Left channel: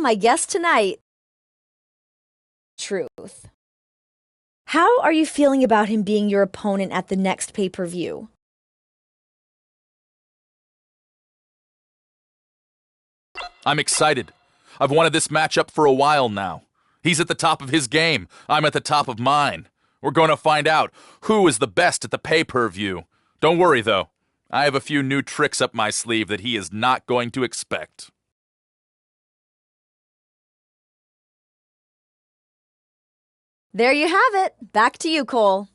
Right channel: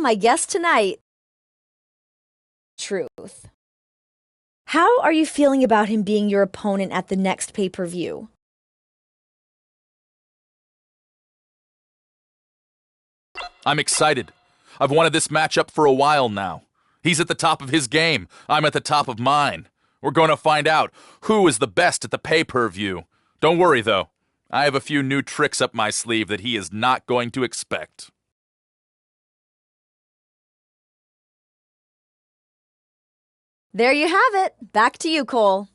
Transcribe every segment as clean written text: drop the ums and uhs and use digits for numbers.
my guest tonight. Truth. How are you feeling about him being your opponent at the next pay-per-view? I'm excited. I've wanted this matchup for a while now. He's at the top of his game. I'm at the top of mine. We're going to find out who is the best at the pay-per-view. Don't worry, though. I have a few new tricks up my sleeve that he is not going to expect. There you have it. Back to you, Cole.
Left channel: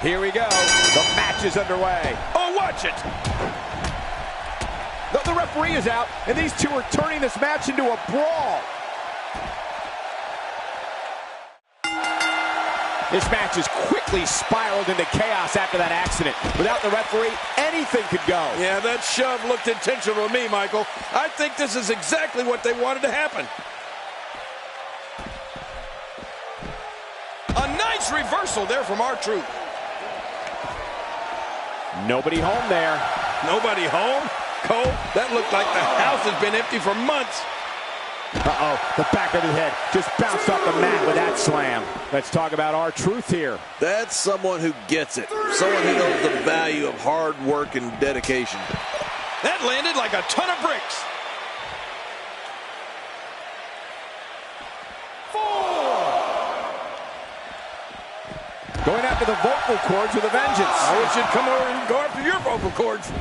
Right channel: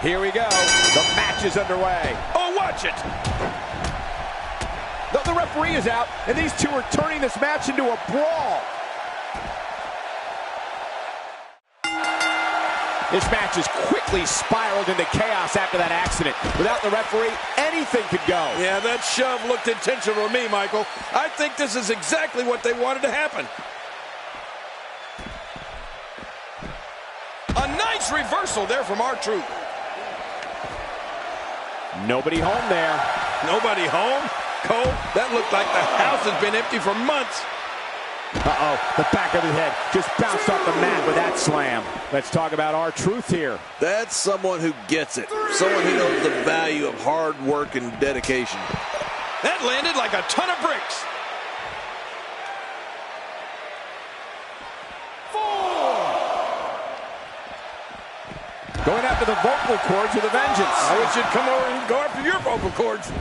Here we go. The match is underway. Oh, watch it. The referee is out, and these two are turning this match into a brawl. This match has quickly spiraled into chaos after that accident. Without the referee, anything could go. Yeah, that shove looked intentional to me, Michael. I think this is exactly what they wanted to happen. A nice reversal there from R-Truth. Nobody home there. Nobody home? Cole, that looked like the house has been empty for months. Uh-oh, the back of the head just bounced off the mat with that slam. Let's talk about R-Truth here. That's someone who gets it. Someone who knows the value of hard work and dedication. That landed like a ton of bricks. 4. Going after the vocal cords with a vengeance. I wish you'd come over and go after your vocal cords.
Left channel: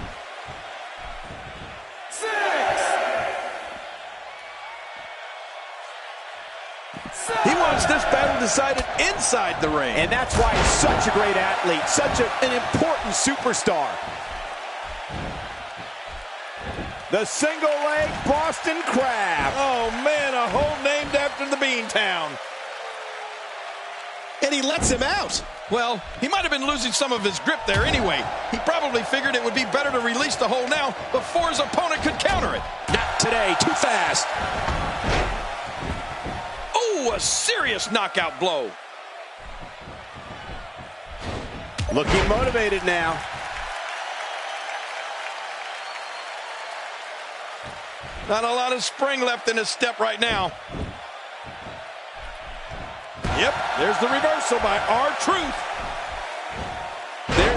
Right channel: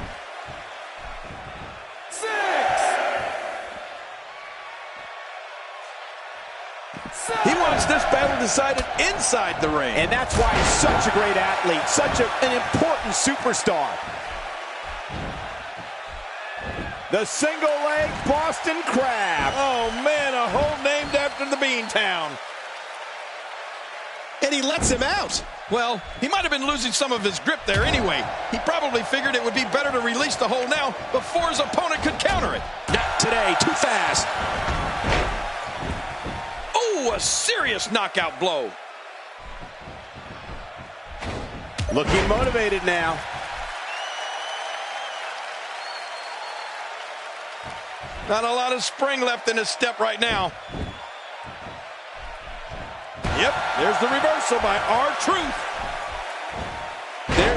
6. He wants this battle decided inside the ring. And that's why he's such a great athlete, such an important superstar. The single leg Boston Crab. Oh, man, a hole named after the Beantown. And he lets him out. Well, he might have been losing some of his grip there anyway. He probably figured it would be better to release the hold now before his opponent could counter it. Not today, too fast. Oh, a serious knockout blow. Looking motivated now. Not a lot of spring left in his step right now. Yep, there's the reversal by R-Truth.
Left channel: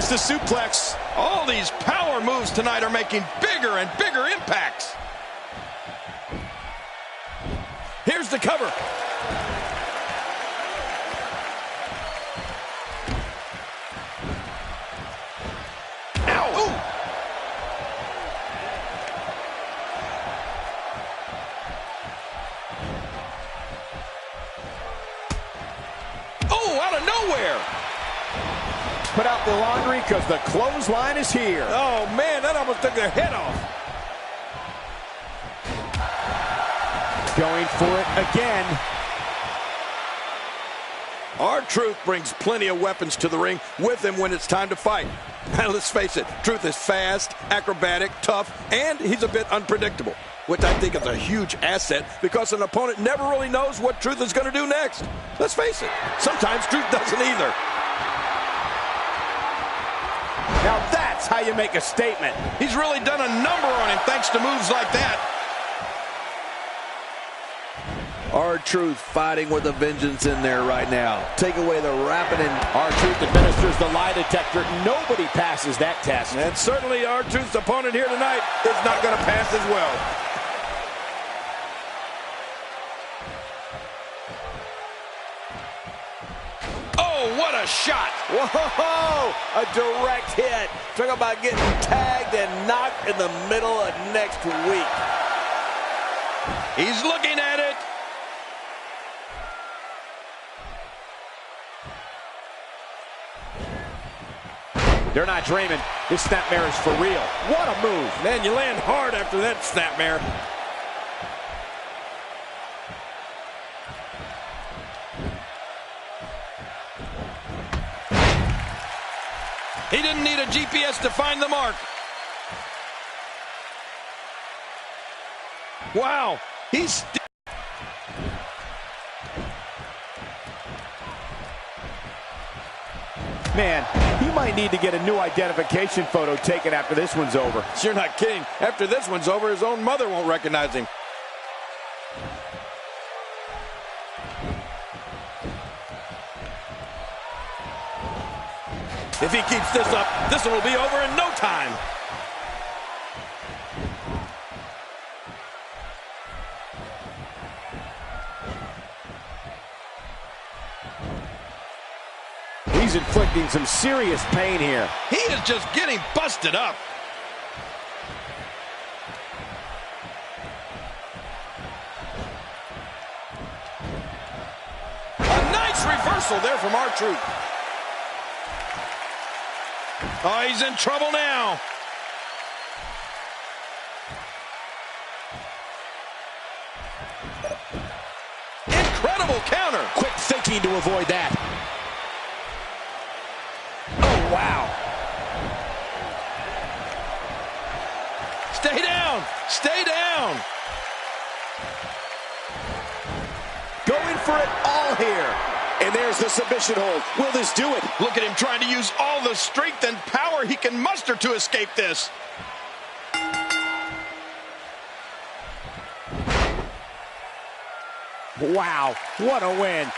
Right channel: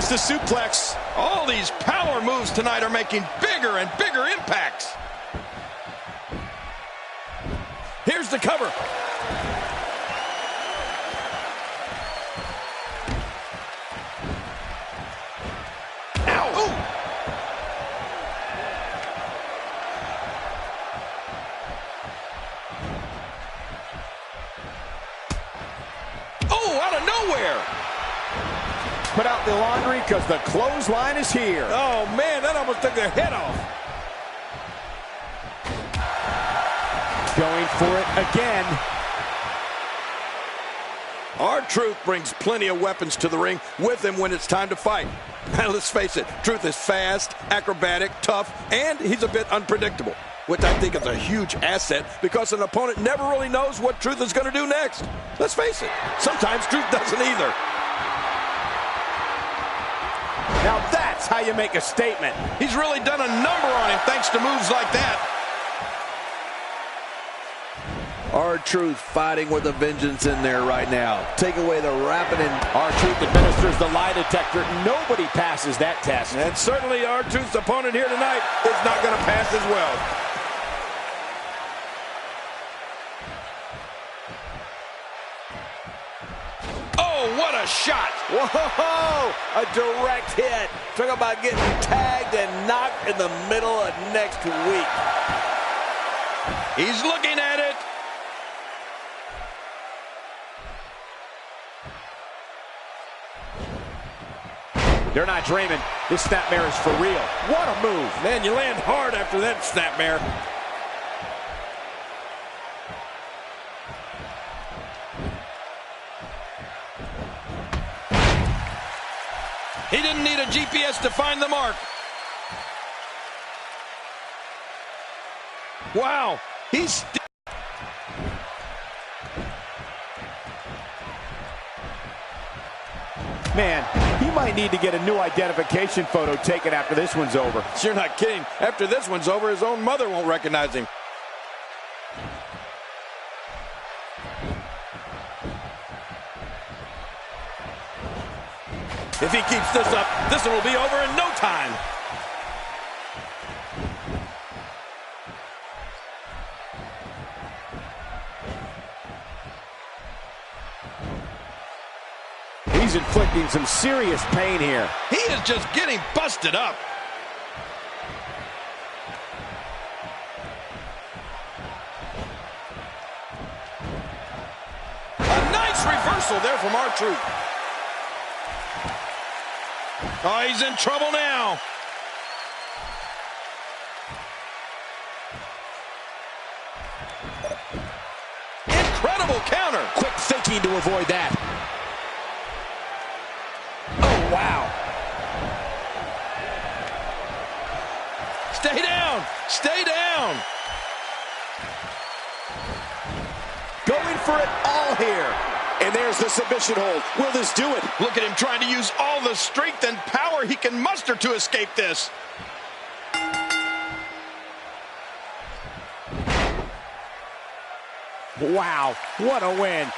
There's the suplex. All these power moves tonight are making bigger and bigger impacts. Here's the cover. Ow! Ooh. Oh, out of nowhere. Put out the laundry because the clothesline is here. Oh, man, that almost took their head off. Going for it again. R-Truth brings plenty of weapons to the ring with him when it's time to fight. And let's face it, Truth is fast, acrobatic, tough, and he's a bit unpredictable, which I think is a huge asset because an opponent never really knows what Truth is going to do next. Let's face it, sometimes Truth doesn't either. Now that's how you make a statement. He's really done a number on him thanks to moves like that. R-Truth fighting with a vengeance in there right now. Take away the rapid and R-Truth administers the lie detector. Nobody passes that test. And certainly R-Truth's opponent here tonight is not going to pass as well. Oh, what a shot! whoa, a direct hit. Talk about getting tagged and knocked in the middle of next week. He's looking at it. They're not dreaming. This snapmare is for real. What a move. Man, you land hard after that snapmare. He didn't need a GPS to find the mark. Wow, he's Man, he might need to get a new identification photo taken after this one's over. You're not kidding. After this one's over, his own mother won't recognize him. If he keeps this up, this one will be over in no time. He's inflicting some serious pain here. He is just getting busted up. A nice reversal there from R-Truth. Oh, he's in trouble now. Incredible counter. Quick thinking to avoid that. Oh, wow. Stay down. Stay down. Going for it all here. And there's the submission hold. Will this do it? Look at him trying to use all the strength and power he can muster to escape this. Wow, what a win.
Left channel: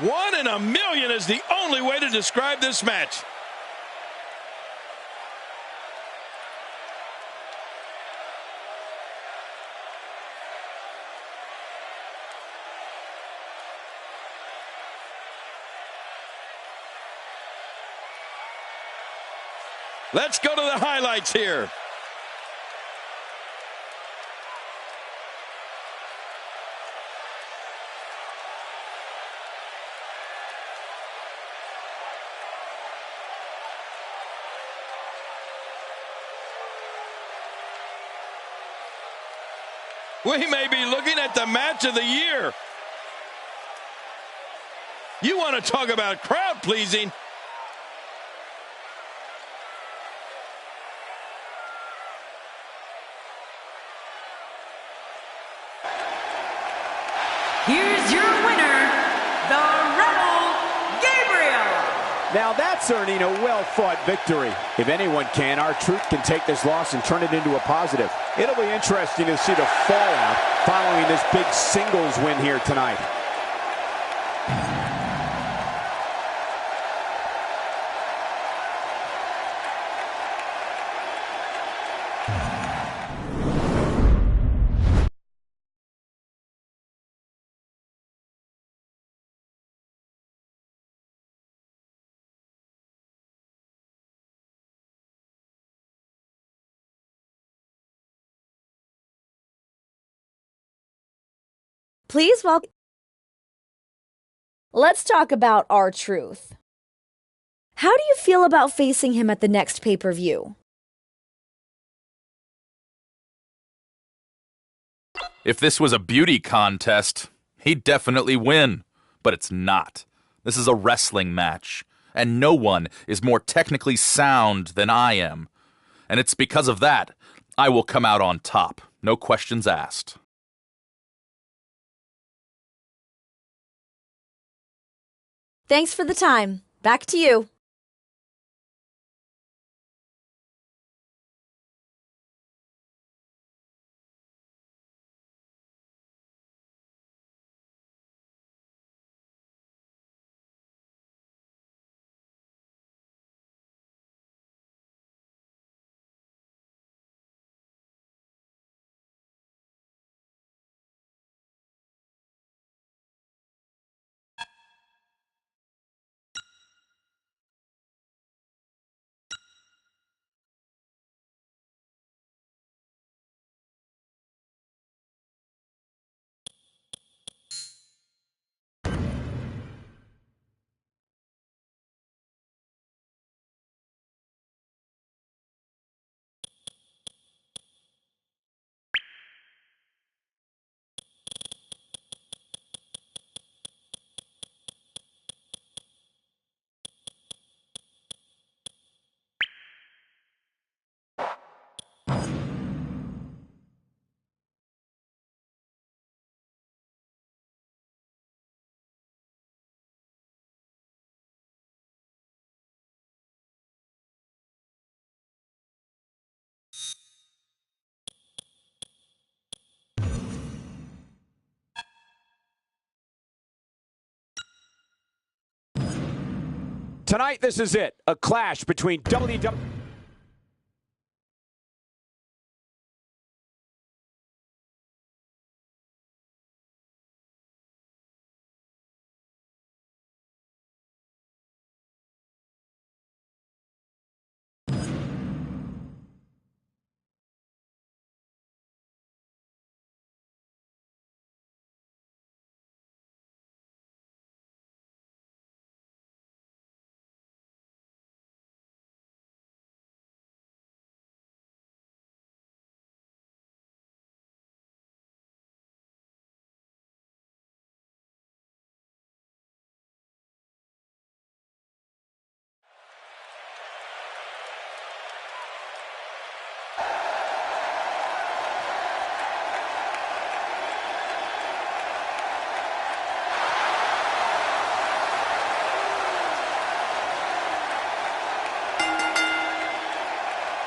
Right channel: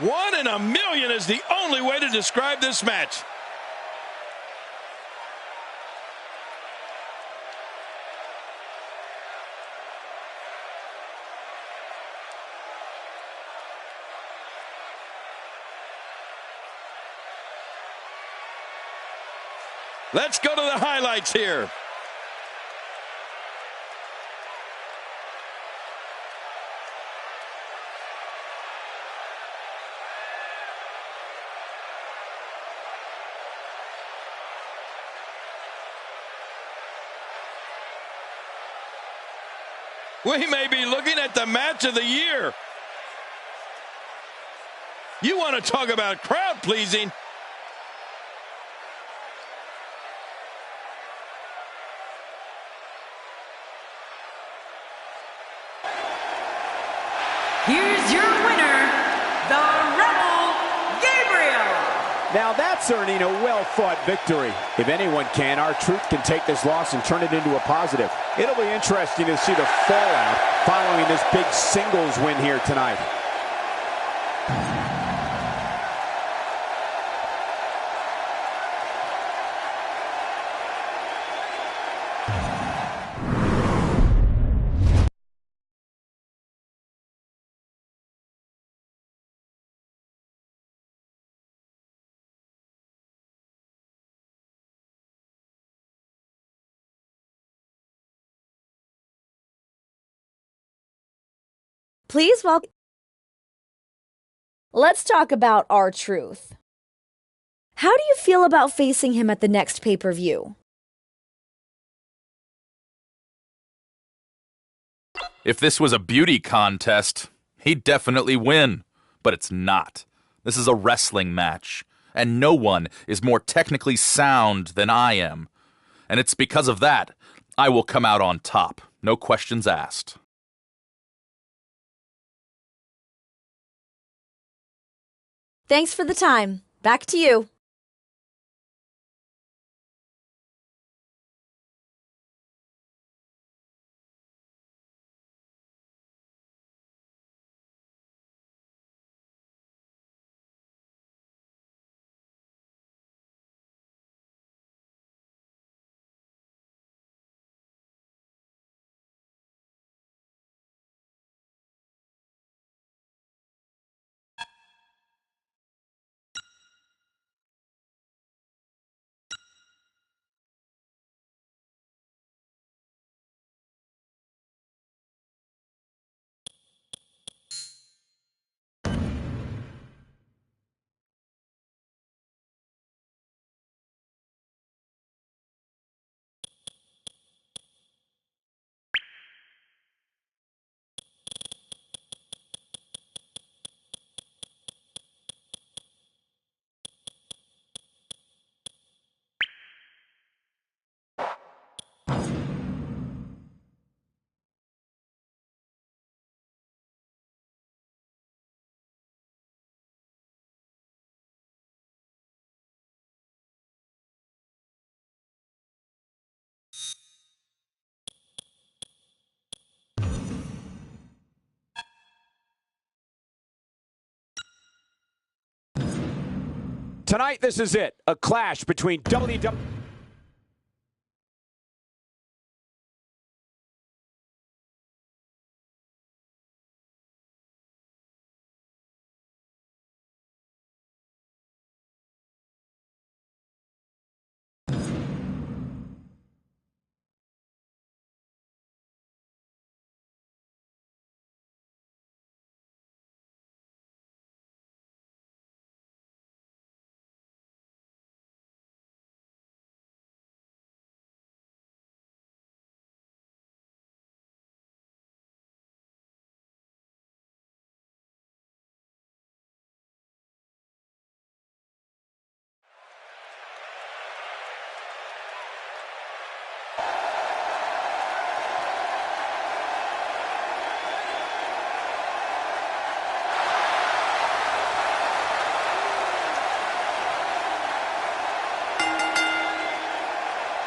One in a million is the only way to describe this match. Let's go to the highlights here. We may be looking at the match of the year. You want to talk about crowd pleasing? Here's your winner, Now that's earning a well-fought victory. If anyone can, R-Truth can take this loss and turn it into a positive. It'll be interesting to see the fallout following this big singles win here tonight. Please welcome. Let's talk about R-Truth. How do you feel about facing him at the next pay-per-view? If this was a beauty contest, he'd definitely win. But it's not. This is a wrestling match, and no one is more technically sound than I am. And it's because of that I will come out on top. No questions asked. Thanks for the time. Back to you. Tonight, this is it. A clash between WWE.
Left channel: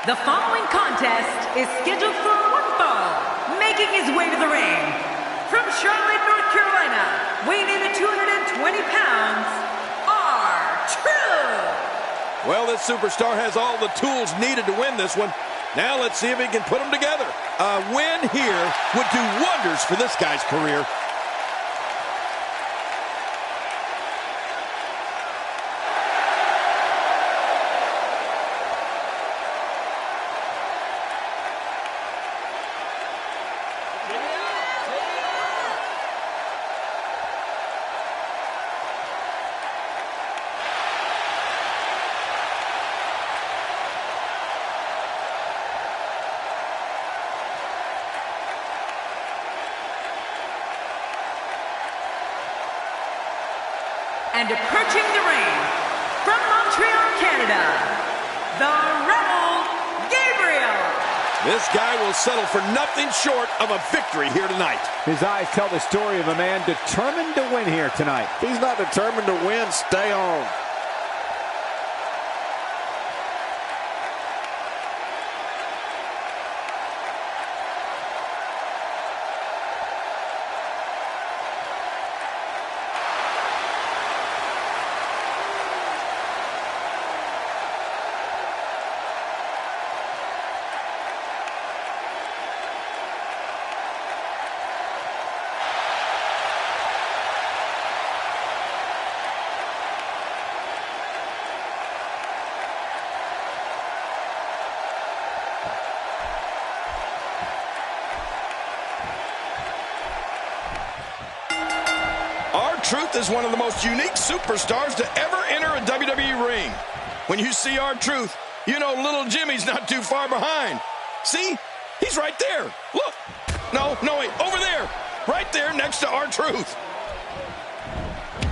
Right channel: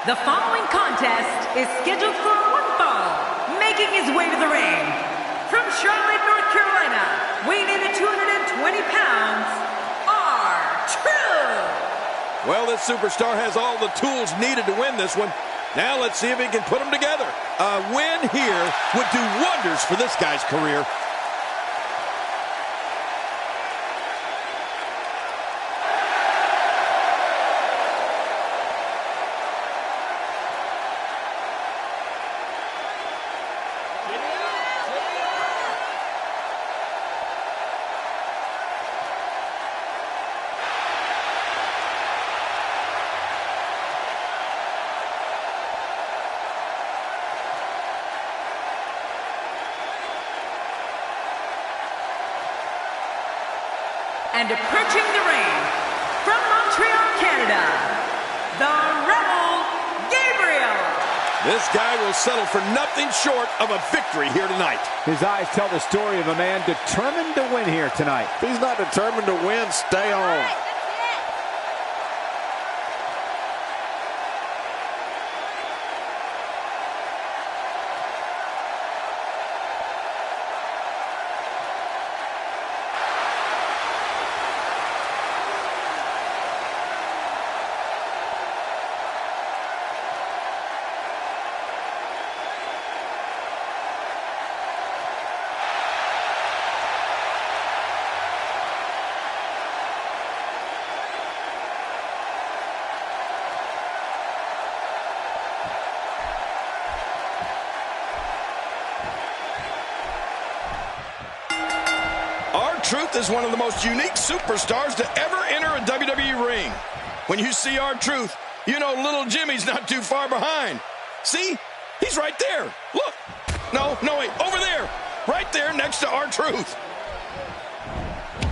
The following contest is scheduled for one fall, making his way to the ring. From Charlotte, North Carolina, weighing in at 220 pounds, R-Truth. Well, this superstar has all the tools needed to win this one. Now let's see if he can put them together. A win here would do wonders for this guy's career. And approaching the ring, from Montreal, Canada, the Rebel Gabriel. This guy will settle for nothing short of a victory here tonight. His eyes tell the story of a man determined to win here tonight. If he's not determined to win, stay home. R-Truth is one of the most unique superstars to ever enter a WWE ring. When you see R-Truth, you know little Jimmy's not too far behind. See? He's right there. Look. No, wait. Over there. Right there next to R-Truth.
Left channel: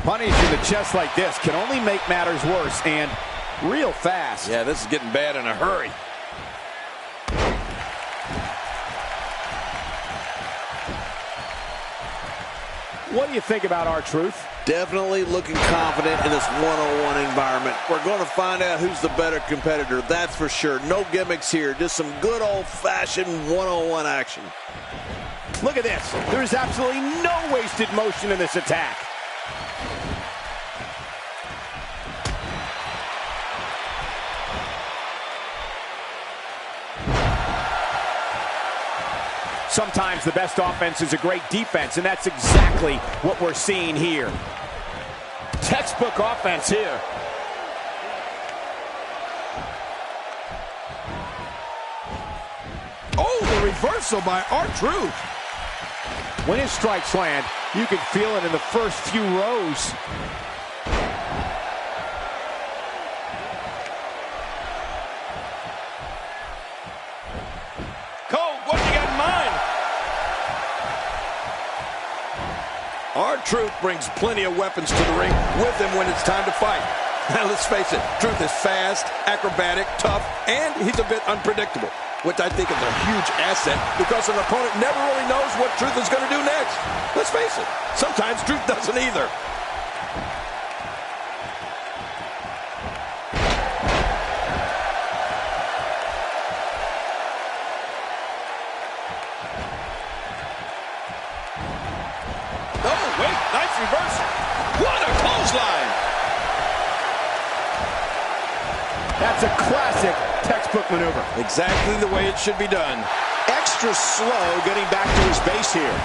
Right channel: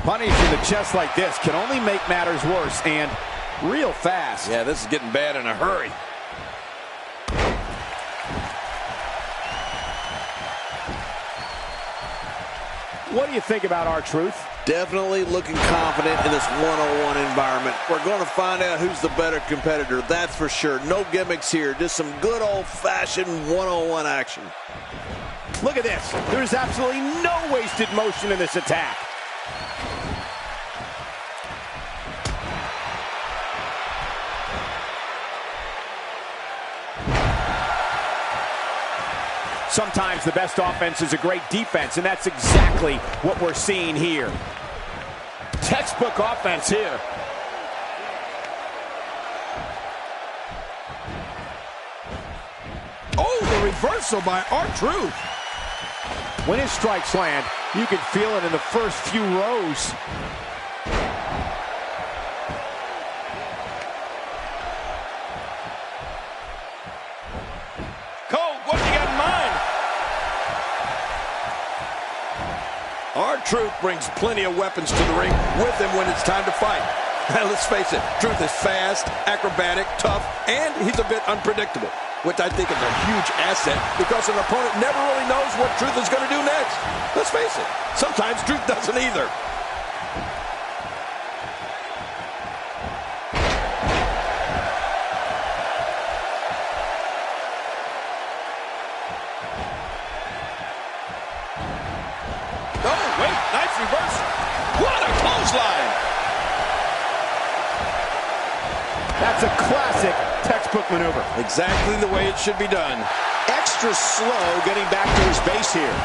Punishing the chest like this can only make matters worse, and real fast. Yeah, this is getting bad in a hurry. What do you think about R-Truth? Definitely looking confident in this one-on-one environment. We're going to find out who's the better competitor, that's for sure. No gimmicks here, just some good old-fashioned one-on-one action. Look at this. There's absolutely no wasted motion in this attack. Sometimes the best offense is a great defense, and that's exactly what we're seeing here. Textbook offense here. Oh, the reversal by R-Truth. When his strikes land, you can feel it in the first few rows. R-Truth brings plenty of weapons to the ring with him when it's time to fight. Now, let's face it, Truth is fast, acrobatic, tough, and he's a bit unpredictable, which I think is a huge asset because an opponent never really knows what Truth is going to do next. Let's face it, sometimes Truth doesn't either. Oh, wait, nice reversal. What a clothesline. That's a classic textbook maneuver. Exactly the way it should be done. Extra slow getting back to his base here.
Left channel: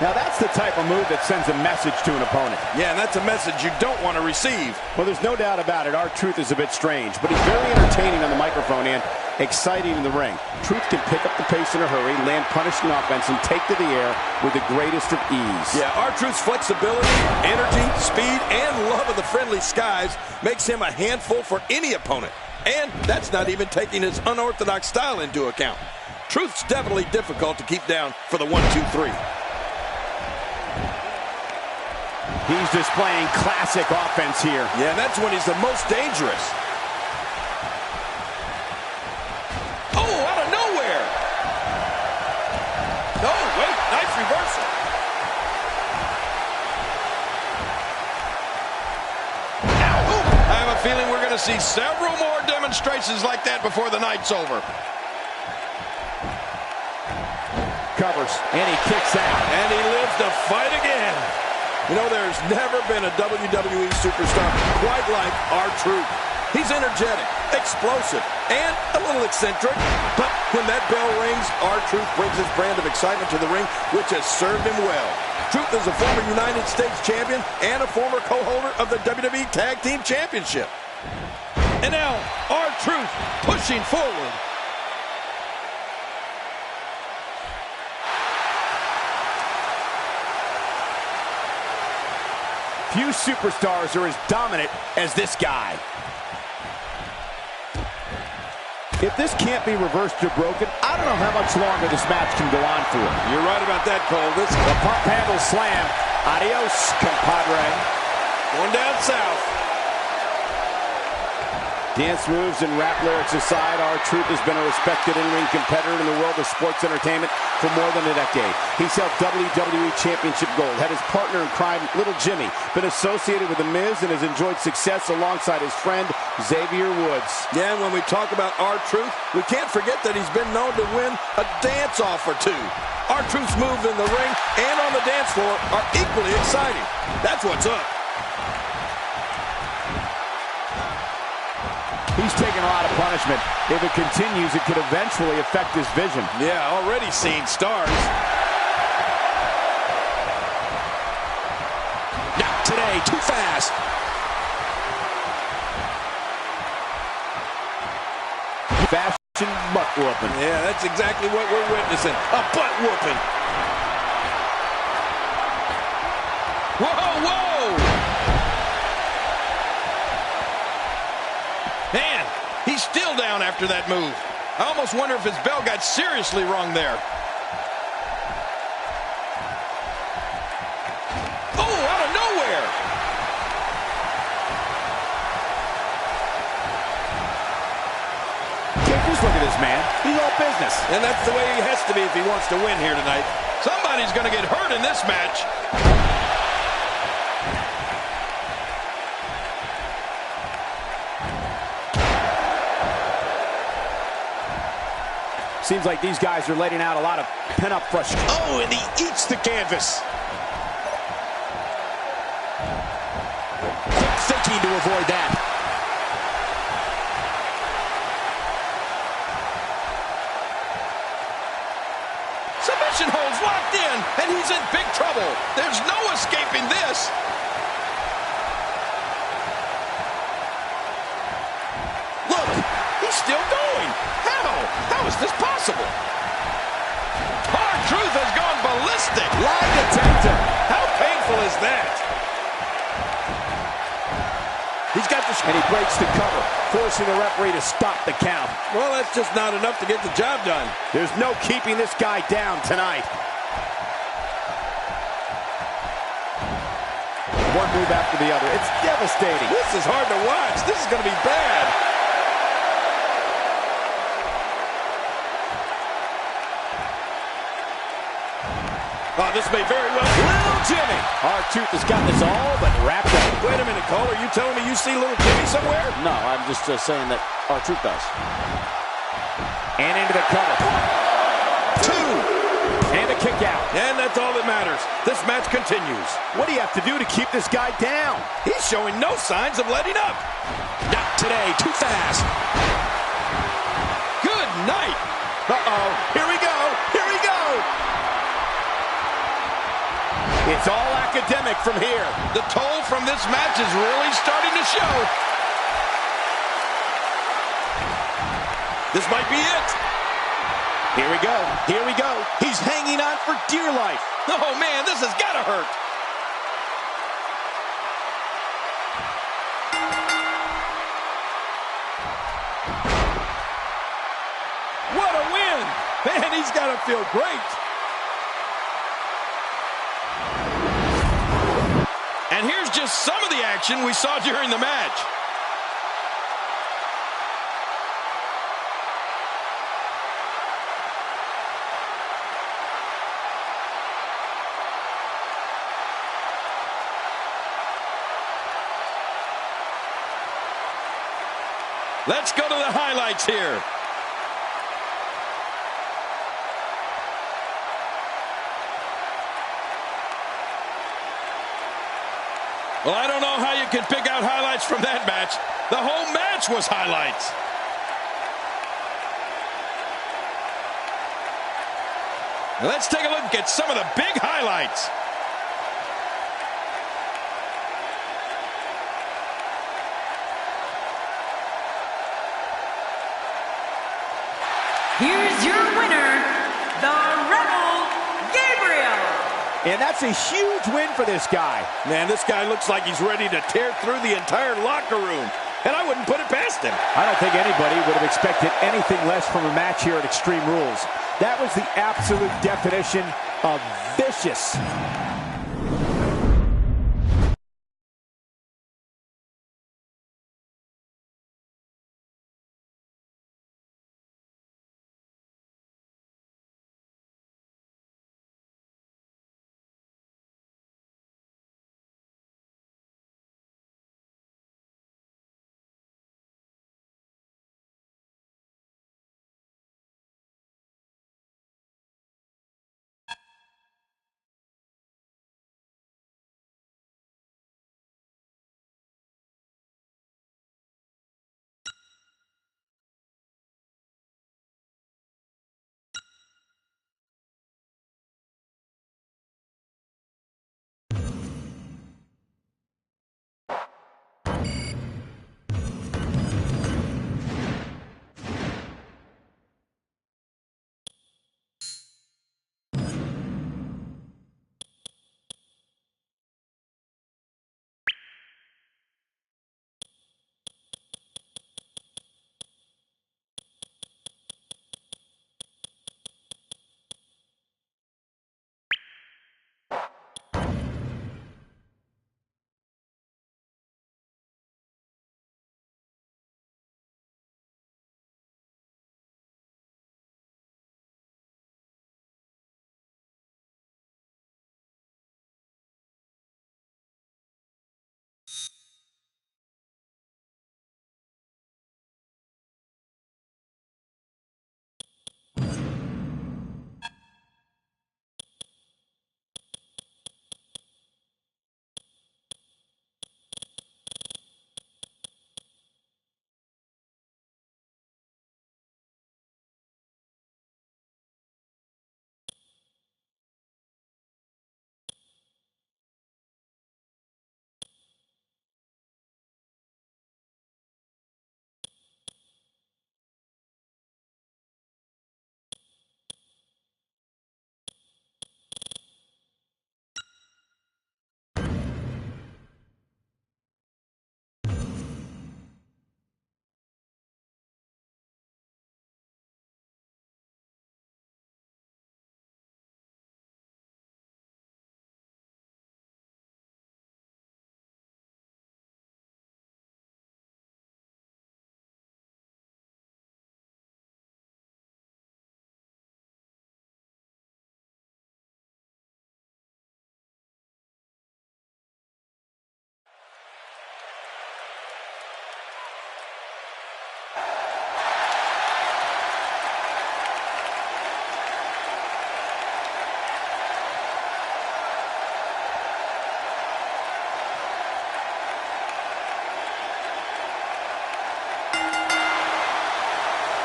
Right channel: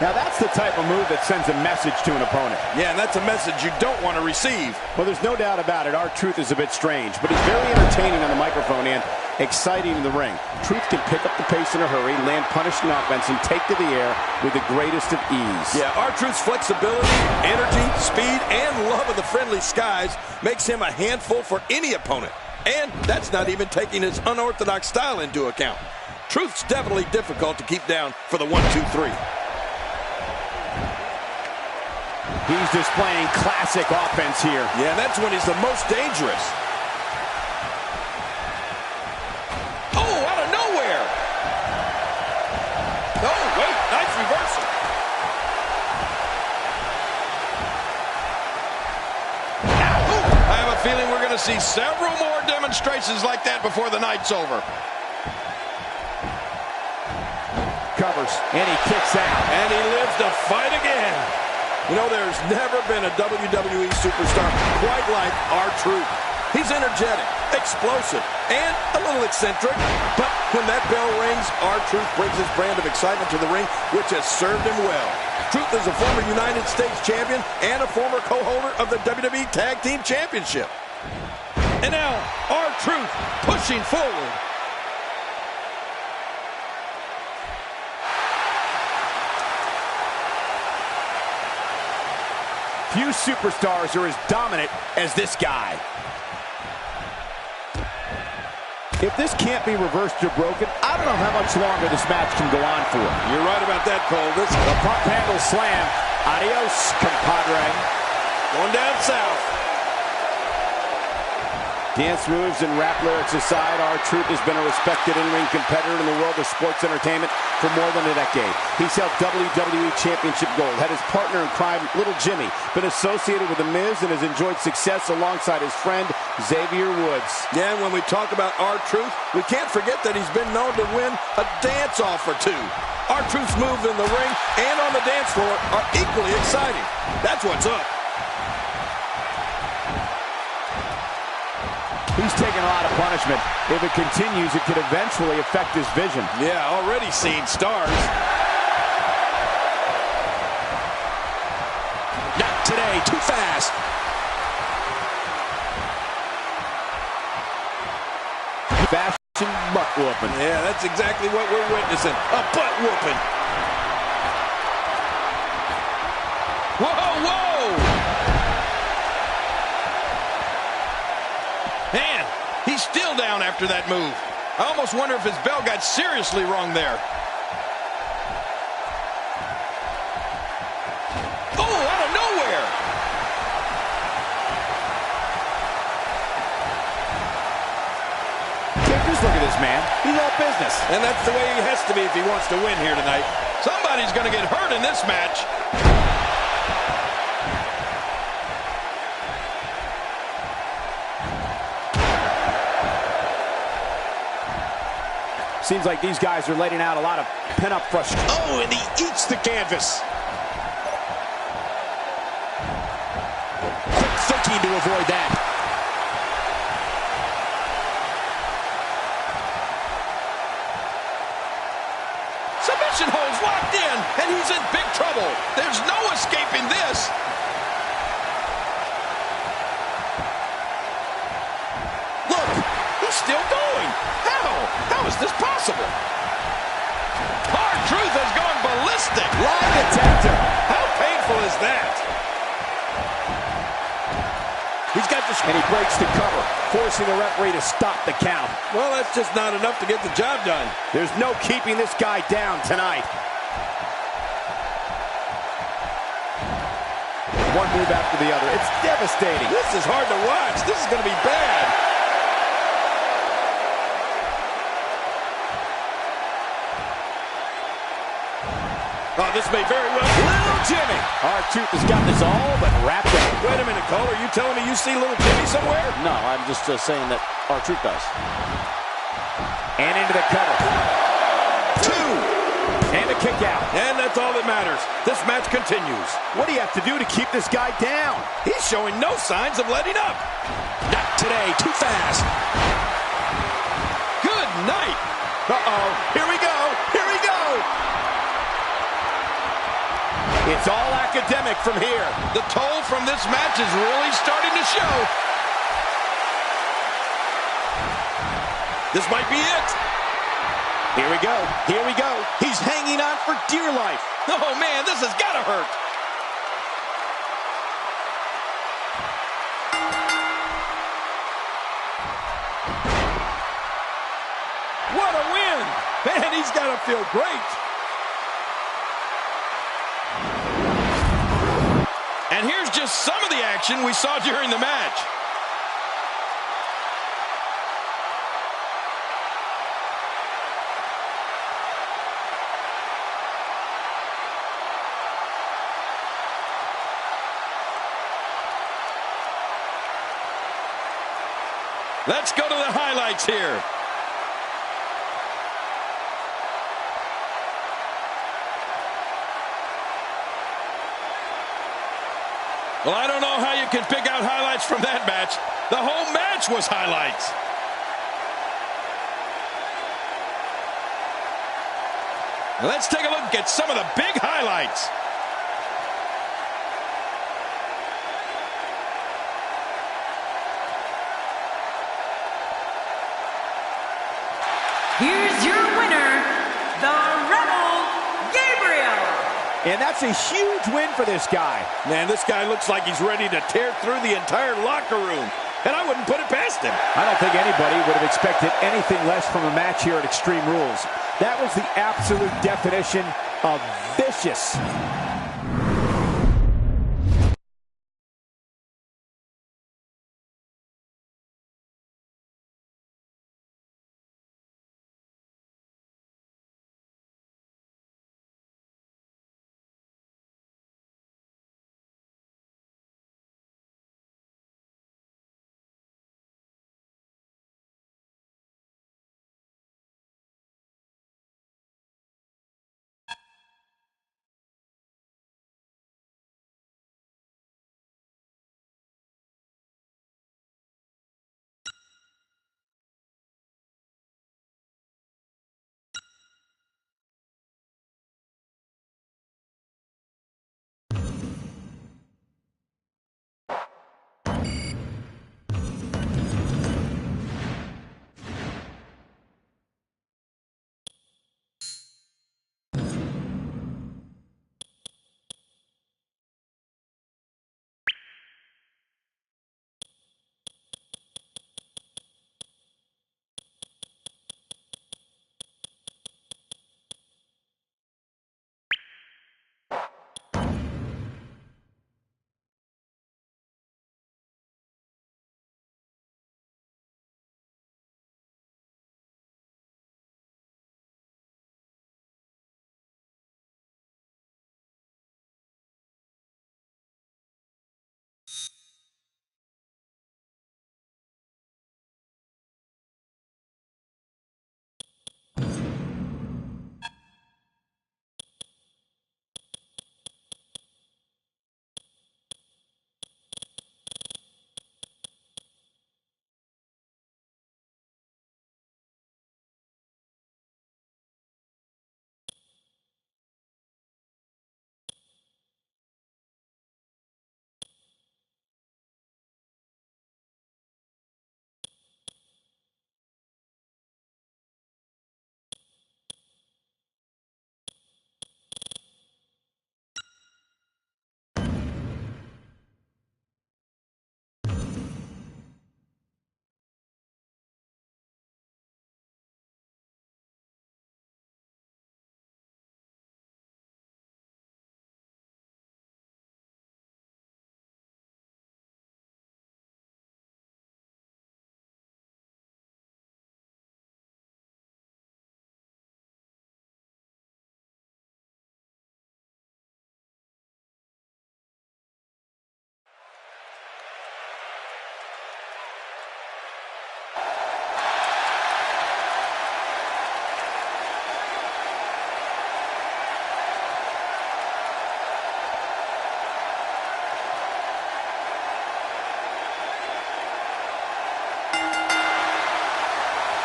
Now that's the type of move that sends a message to an opponent. Yeah, and that's a message you don't want to receive. Well, there's no doubt about it. R-Truth is a bit strange, but he's very entertaining on the microphone and exciting in the ring. Truth can pick up the pace in a hurry, land punishing offense, and take to the air with the greatest of ease. Yeah, R-Truth's flexibility, energy, speed, and love of the friendly skies makes him a handful for any opponent. And that's not even taking his unorthodox style into account. Truth's definitely difficult to keep down for the 1-2-3. He's displaying classic offense here. Yeah, and that's when he's the most dangerous. Oh, out of nowhere. Oh, wait, nice reversal. Ow. Ooh, I have a feeling we're going to see several more demonstrations like that before the night's over. Covers, and he kicks out. And he lives to fight again. You know, there's never been a WWE superstar quite like R-Truth. He's energetic, explosive, and a little eccentric. But when that bell rings, R-Truth brings his brand of excitement to the ring, which has served him well. Truth is a former United States champion and a former co-holder of the WWE Tag Team Championship. And now, R-Truth pushing forward. Few superstars are as dominant as this guy. If this can't be reversed or broken, I don't know how much longer this match can go on for. You're right about that, Cole. This is a pump handle slam. Adios, compadre. Going down south. Dance moves and rap lyrics aside, R-Truth has been a respected in-ring competitor in the world of sports entertainment for more than a decade. He's held WWE Championship gold, had his partner in crime, Little Jimmy, been associated with The Miz, and has enjoyed success alongside his friend, Xavier Woods. Yeah, and when we talk about R-Truth, we can't forget that he's been known to win a dance-off or two. R-Truth's moves in the ring and on the dance floor are equally exciting. That's what's up. He's taking a lot of punishment. If it continues, it could eventually affect his vision. Yeah, already seeing stars. Not today, too fast. Fast watching butt whooping. Yeah, that's exactly what we're witnessing. A butt whooping. Whoa, whoa! Man, he's still down after that move. I almost wonder if his bell got seriously wrong there. Oh, out of nowhere! Just look at this man. He's all business. And that's the way he has to be if he wants to win here tonight. Somebody's going to get hurt in this match. Seems like these guys are letting out a lot of pent-up frustration. Oh, and he eats the canvas. Quick thinking to avoid that. Submission holds locked in, and he's in big trouble. There's no escaping this. Look, he's still going. How? How is this possible? R-Truth has gone ballistic. Lie detector. How painful is that? He's got the... And he breaks the cover, forcing the referee to stop the count. Well, that's just not enough to get the job done. There's no keeping this guy down tonight. One move after the other. It's devastating. This is hard to watch. This is going to be bad. Oh, this may very well... Little Jimmy. R-Truth has got this all but wrapped up. Wait a minute, Cole. Are you telling me you see Little Jimmy somewhere? No, I'm just saying that R-Truth does. And into the cover. 2. And a kick out. And that's all that matters. This match continues. What do you have to do to keep this guy down? He's showing no signs of letting up. Not today. Too fast. Good night. Uh-oh. Here we go. Here we go. It's all academic from here. The toll from this match is really starting to show. This might be it. Here we go. Here we go. He's hanging on for dear life. Oh, man, this has got to hurt. What a win. Man, he's got to feel great. And here's just some of the action we saw during the match. Let's go to the highlights here. Well, I don't know how you can pick out highlights from that match. The whole match was highlights. Let's take a look at some of the big highlights. Here's your winner, the Rebel Gabriel. And that's a huge win for this guy. Man, this guy looks like he's ready to tear through the entire locker room. And I wouldn't put it past him. I don't think anybody would have expected anything less from a match here at Extreme Rules. That was the absolute definition of vicious.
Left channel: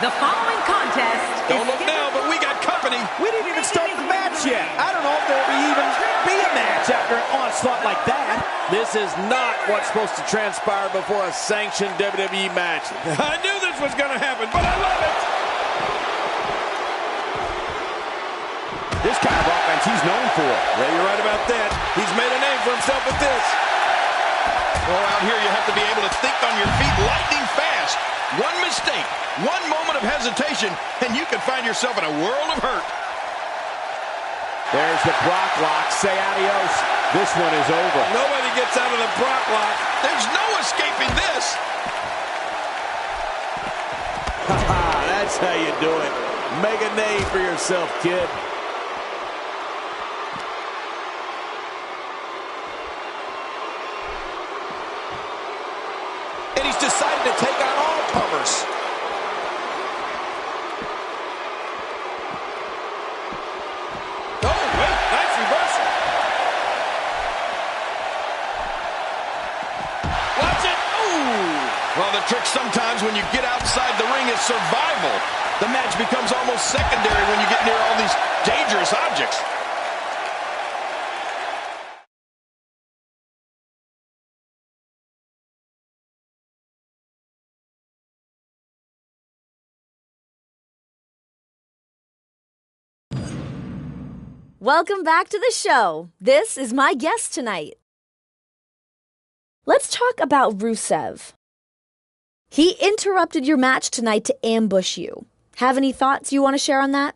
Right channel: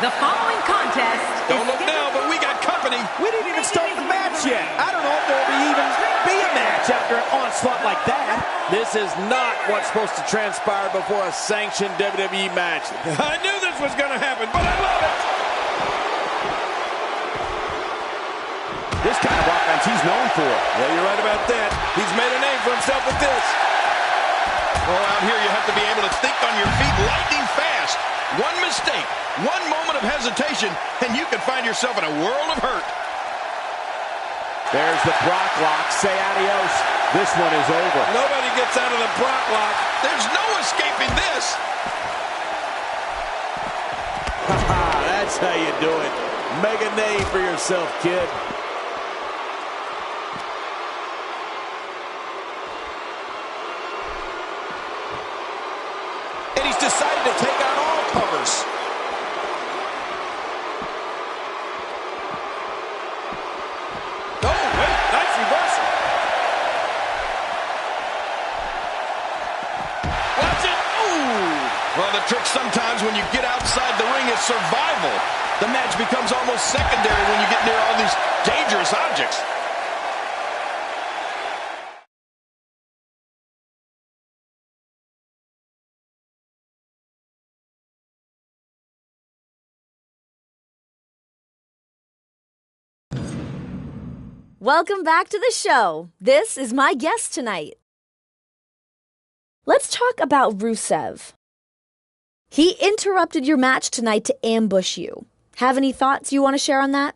The following contest Don't look now, but we got company. We didn't even start the match yet. I don't know if there will even be a match after an onslaught like that. This is not what's supposed to transpire before a sanctioned WWE match. I knew this was going to happen, but I love it. This kind of offense he's known for. Yeah, you're right about that. He's made a name for himself with this. Oh, out here you have to be able to think on your feet lightning fast. One mistake, one moment of hesitation, and you can find yourself in a world of hurt. There's the Brock lock. Say adios. This one is over. Nobody gets out of the Brock lock. There's no escaping this. That's how you do it. Make a name for yourself, kid. And he's decided to take on all comers. Oh, wait, nice reversal. Watch it. Ooh. Well, the trick sometimes when you get outside the ring is survival. The match becomes almost secondary when you get near all these dangerous objects. Welcome back to the show. This is my guest tonight. Let's talk about Rusev. He interrupted your match tonight to ambush you. Have any thoughts you want to share on that?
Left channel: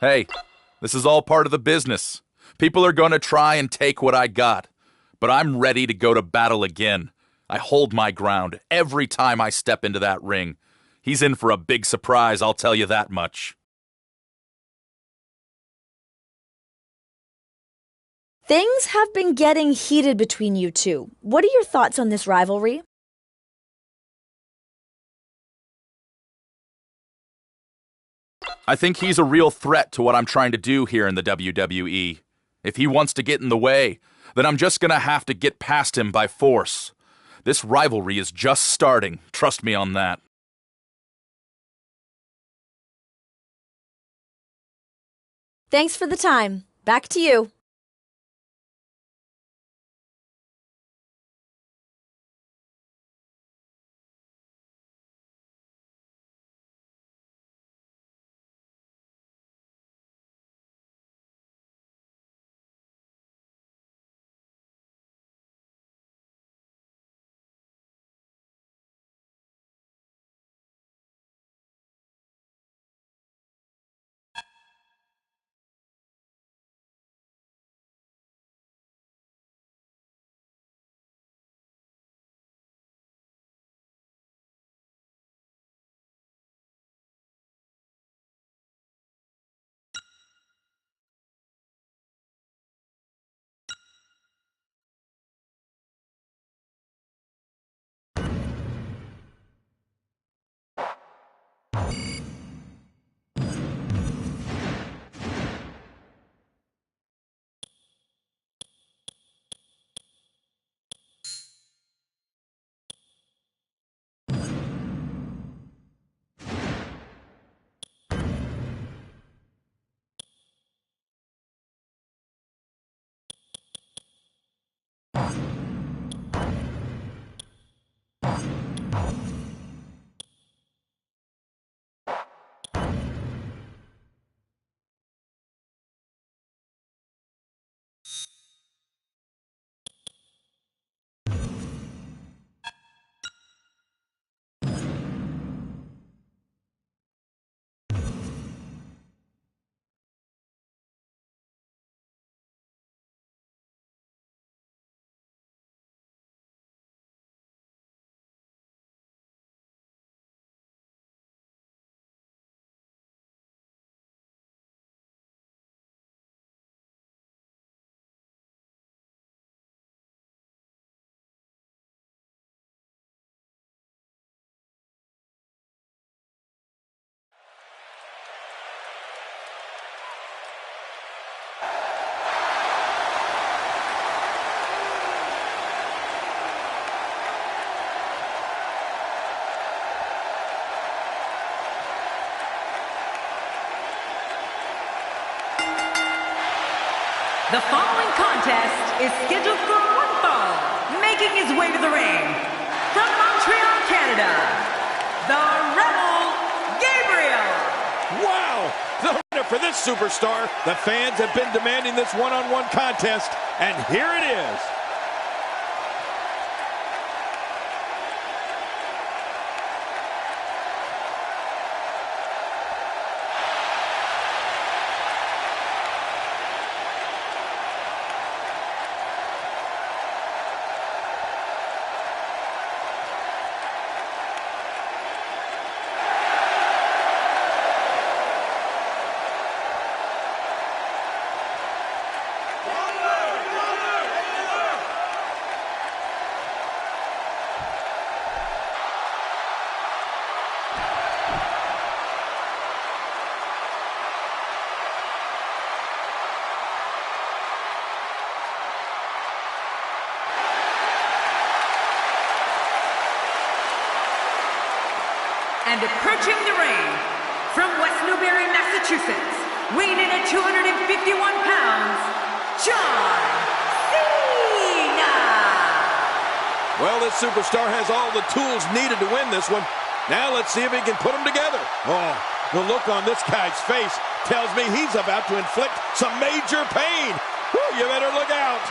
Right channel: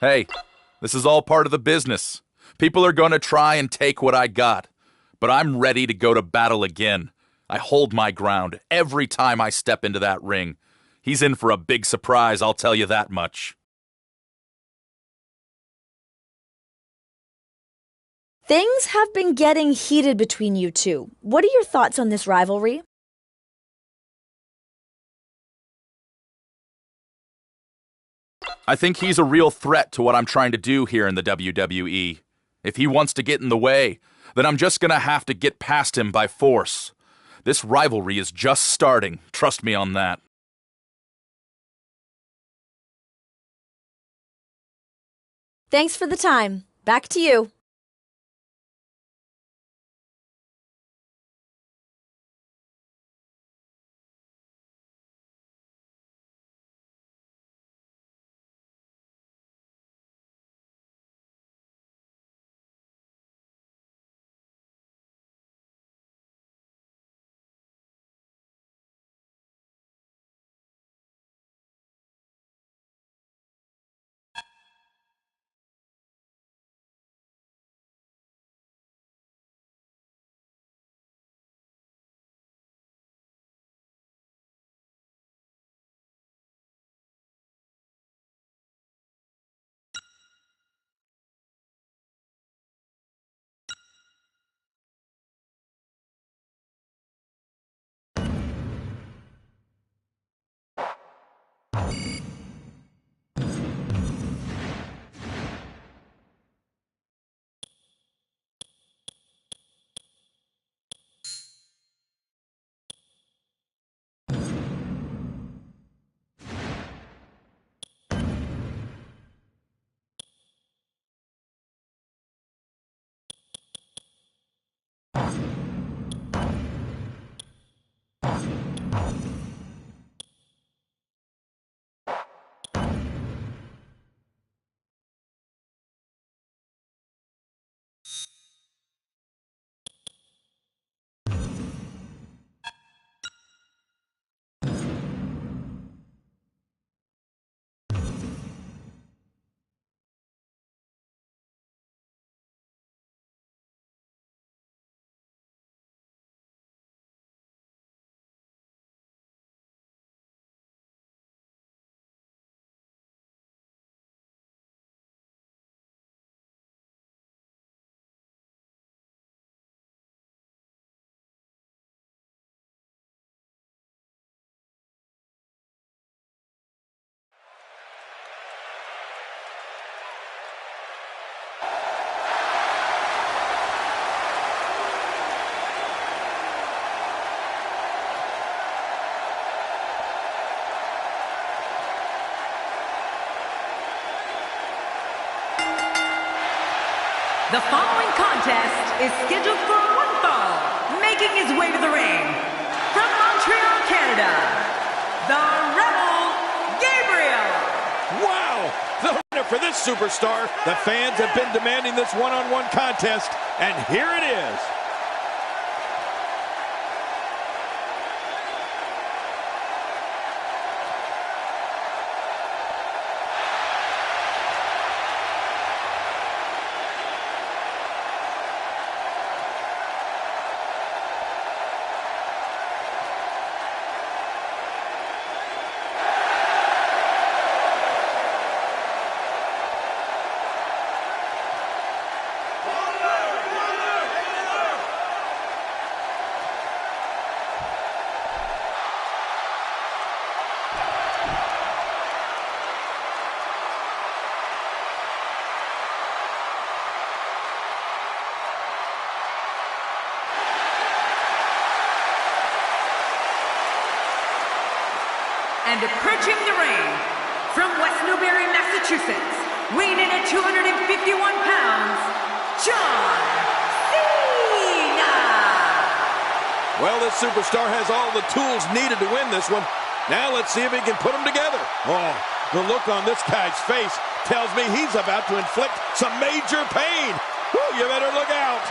Hey, this is all part of the business. People are going to try and take what I got. But I'm ready to go to battle again. I hold my ground every time I step into that ring. He's in for a big surprise, I'll tell you that much. Things have been getting heated between you two. What are your thoughts on this rivalry? I think he's a real threat to what I'm trying to do here in the WWE. If he wants to get in the way, then I'm just going to have to get past him by force. This rivalry is just starting, trust me on that. Thanks for the time. Back to you. The following contest is scheduled for one fall, making his way to the ring. From Montreal, Canada, the Rebel Gabriel. Wow! The winner for this superstar. The fans have been demanding this one-on-one contest, and here it is. And approaching the ring, from West Newbury, Massachusetts, weighing in at 251 pounds, John Cena! Well, this superstar has all the tools needed to win this one. Now let's see if he can put them together. Oh, the look on this guy's face tells me he's about to inflict some major pain. Whew, you better look out.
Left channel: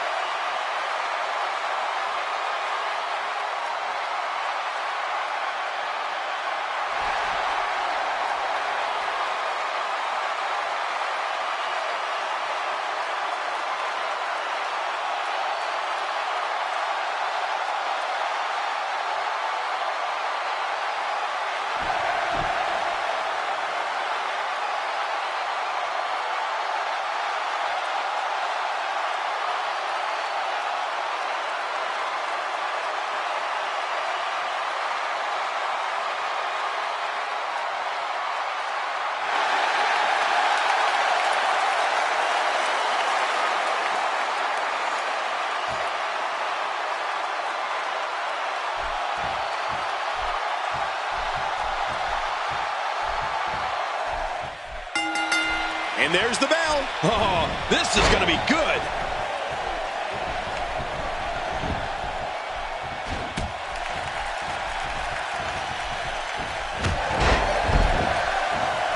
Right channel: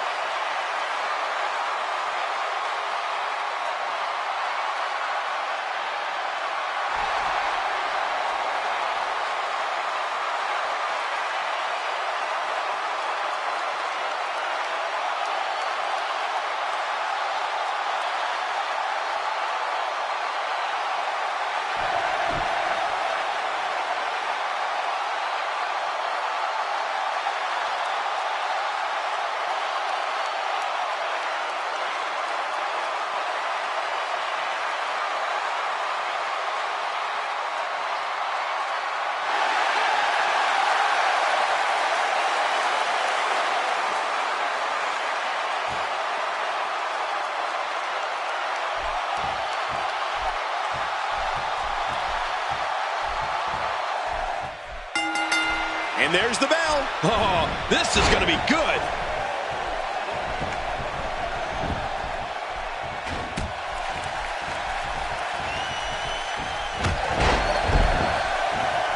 And there's the bell. Oh, this is going to be good.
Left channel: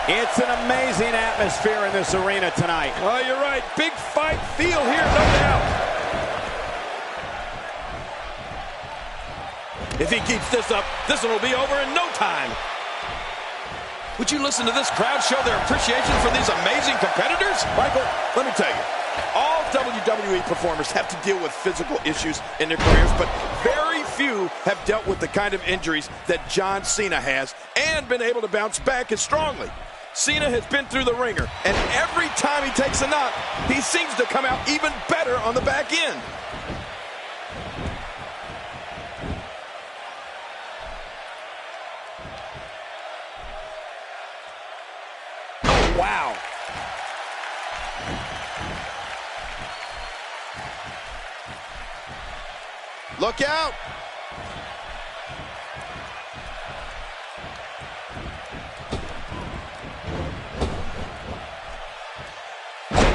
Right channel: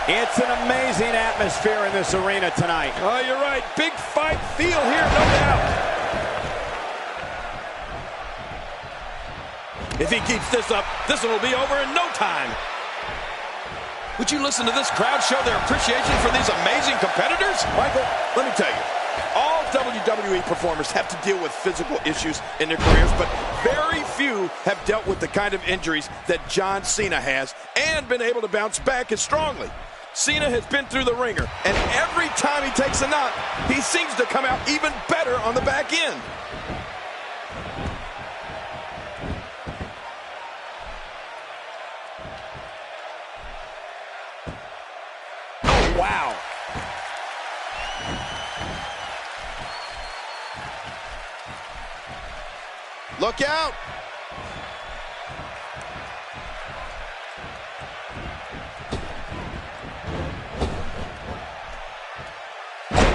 It's an amazing atmosphere in this arena tonight. Oh, you're right. Big fight feel here, no doubt. If he keeps this up, this one will be over in no time. Would you listen to this crowd show their appreciation for these amazing competitors? Michael, let me tell you, all WWE performers have to deal with physical issues in their careers, but very few have dealt with the kind of injuries that John Cena has and been able to bounce back as strongly. Cena has been through the ringer, and every time he takes a knock, he seems to come out even better on the back end. Wow. Look out.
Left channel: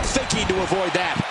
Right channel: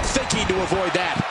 Thinking to avoid that.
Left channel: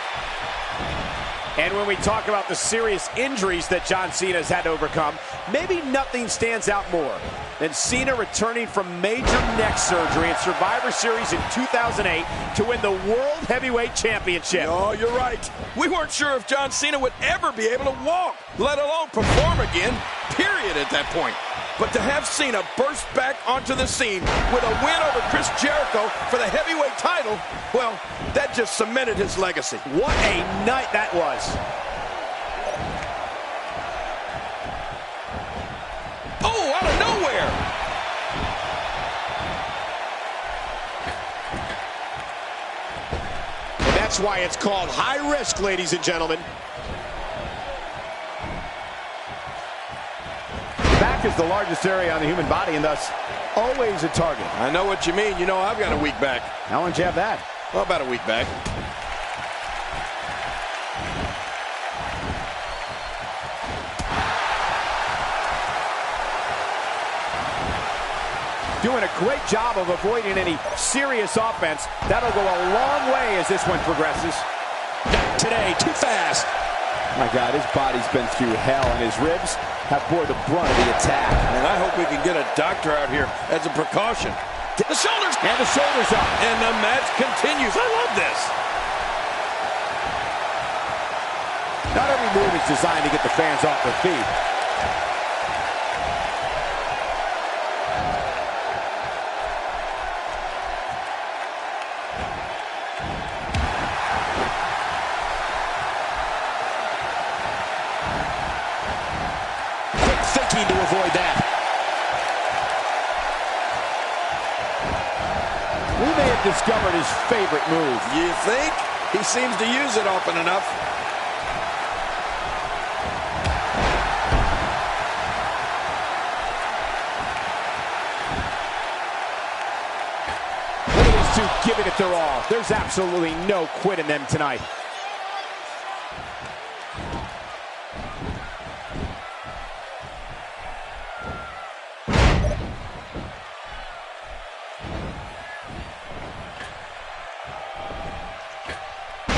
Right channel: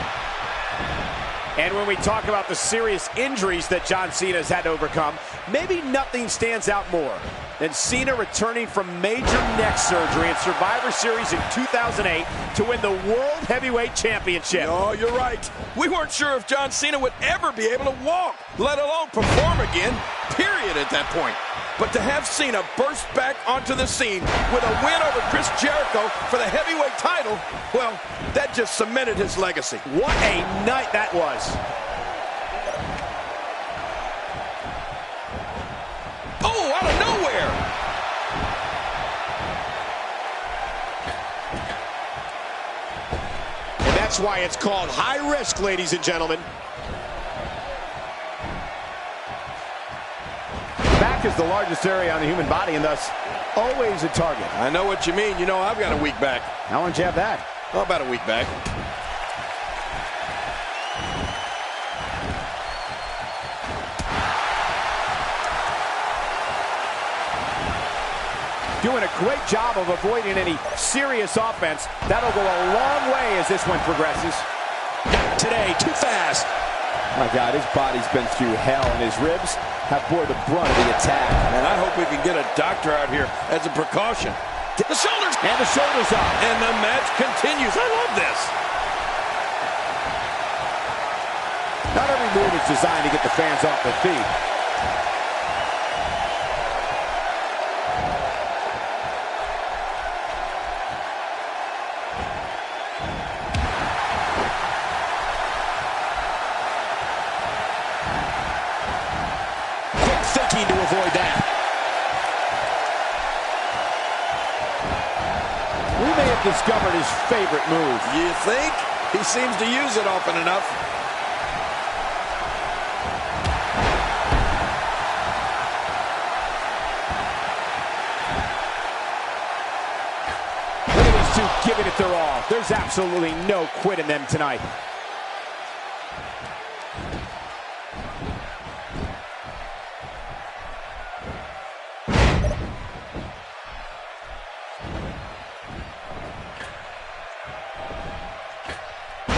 And when we talk about the serious injuries that John Cena has had to overcome, maybe nothing stands out more than Cena returning from major neck surgery in Survivor Series in 2008 to win the World Heavyweight Championship. Oh, you're right. We weren't sure if John Cena would ever be able to walk, let alone perform again, period, at that point. But to have Cena burst back onto the scene with a win over Chris Jericho for the heavyweight title, well, that just cemented his legacy. What a night that was. Oh, out of nowhere. And that's why it's called high risk, ladies and gentlemen. Back is the largest area on the human body and thus always a target. I know what you mean. You know, I've got a weak back. How long did you have that? Well, about a week back. Doing a great job of avoiding any serious offense. That'll go a long way as this one progresses. today, too fast. My God, his body's been through hell, and his ribs have bore the brunt of the attack. And I hope we can get a doctor out here as a precaution. Get the shoulders. And the shoulders up. And the match continues. I love this. Not every move is designed to get the fans off their feet. Thinking to avoid that. We may have discovered his favorite move. You think? He seems to use it often enough. Look at these two giving it their all. There's absolutely no quit in them tonight.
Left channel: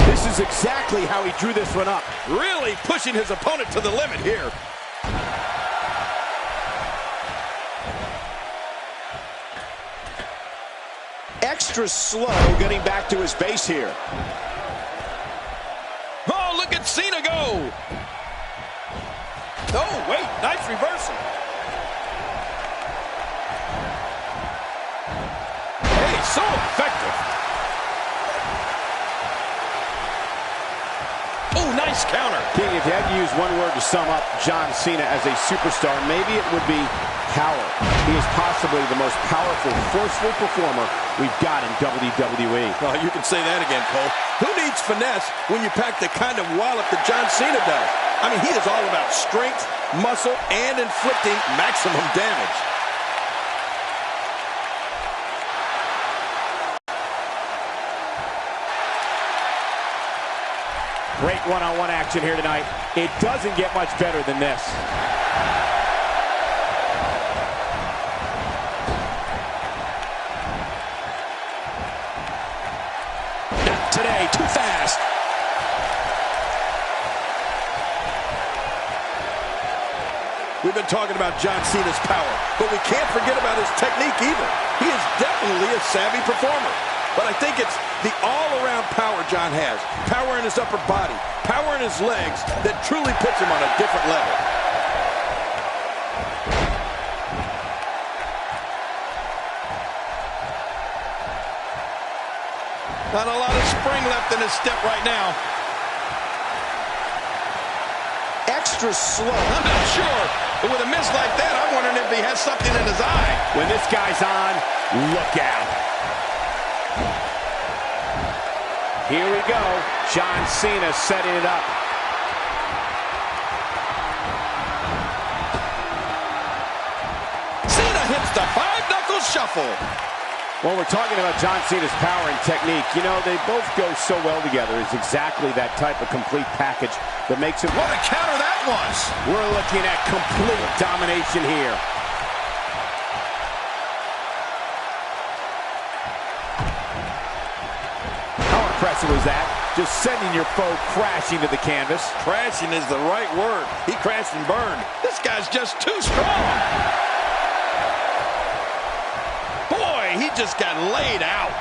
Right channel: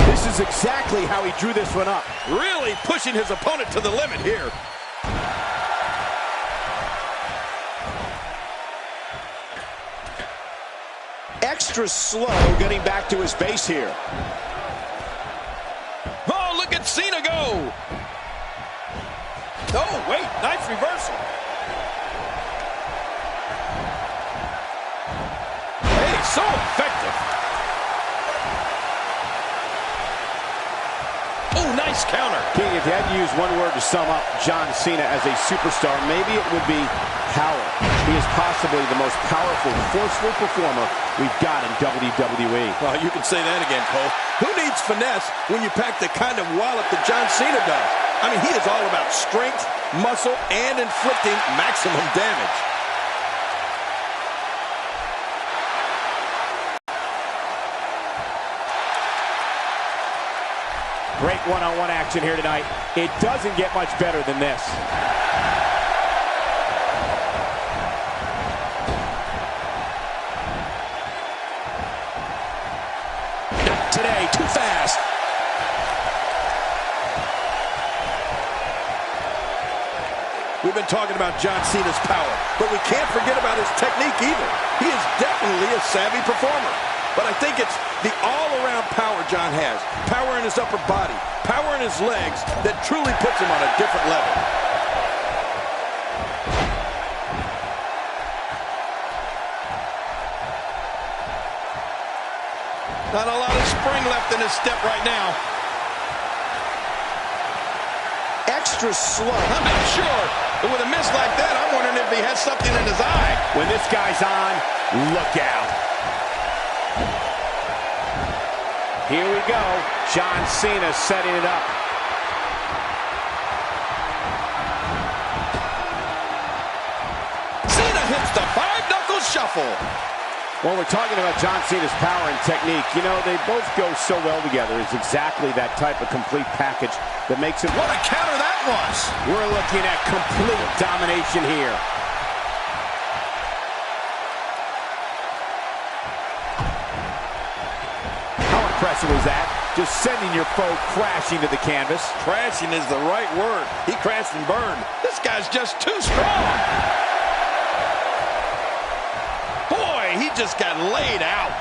This is exactly how he drew this one up. Really pushing his opponent to the limit here. Extra slow getting back to his base here. Oh, look at Cena go. Oh, wait, nice reversal. Hey, so effective. Oh, nice counter. King, if you had to use one word to sum up John Cena as a superstar, maybe it would be power. He is possibly the most powerful, forceful performer we've got in WWE. Well, you can say that again, Cole. Who needs finesse when you pack the kind of wallop that John Cena does? I mean, he is all about strength, muscle, and inflicting maximum damage. Great one-on-one action here tonight. It doesn't get much better than this. Not today, too fast. We've been talking about John Cena's power, but we can't forget about his technique either. He is definitely a savvy performer. But I think it's the all-around power John has. Power in his upper body, power in his legs that truly puts him on a different level. Not a lot of spring left in his step right now. Extra slow. I'm not sure, but with a miss like that, I'm wondering if he has something in his eye. When this guy's on, look out. Here we go. John Cena setting it up. Cena hits the five-knuckle shuffle. When we're talking about John Cena's power and technique, you know, they both go so well together. It's exactly that type of complete package that makes it... What a counter that was. We're looking at complete domination here. How impressive was that? Just sending your foe crashing to the canvas. Crashing is the right word. He crashed and burned. This guy's just too strong. Boy, he just got laid out.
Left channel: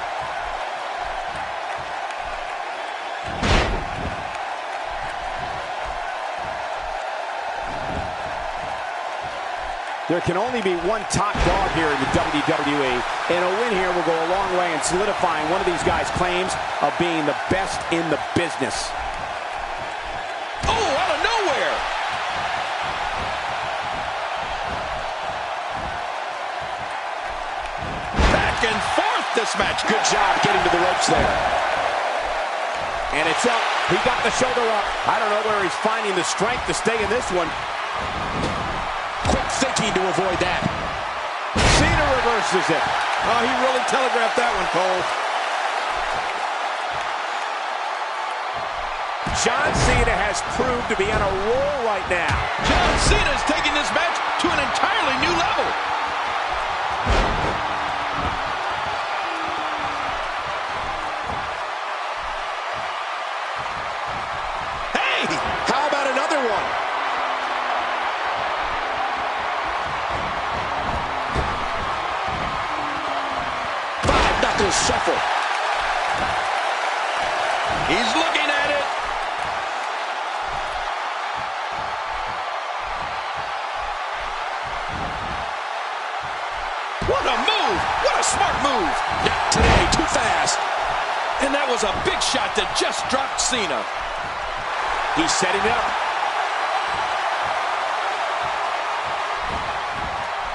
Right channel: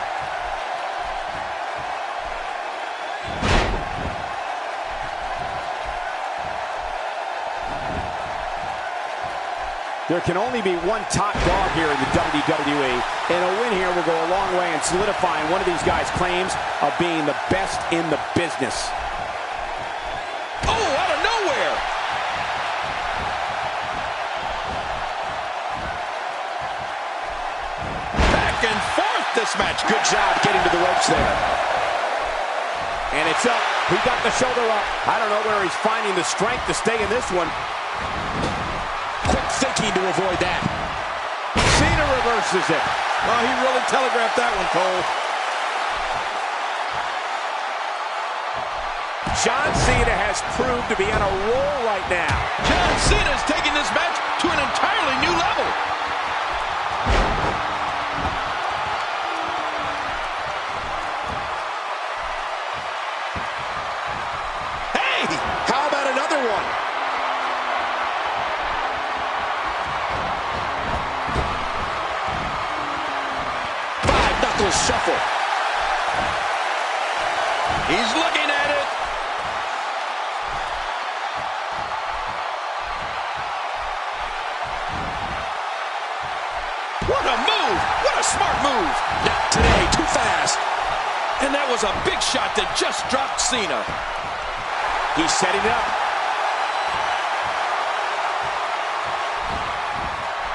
There can only be one top dog here in the WWE, and a win here will go a long way in solidifying one of these guys' claims of being the best in the business. Oh, out of nowhere! Back and forth this match. Good job getting to the ropes there. And it's up. He got the shoulder up. I don't know where he's finding the strength to stay in this one. Quick thinking to avoid that. Cena reverses it. Oh, he really telegraphed that one, Cole. John Cena has proved to be on a roll right now. John Cena is taking this match to an entirely new level. knuckle shuffle. He's looking at it. What a move! What a smart move! Not today, too fast. And that was a big shot that just dropped Cena. He's setting it up.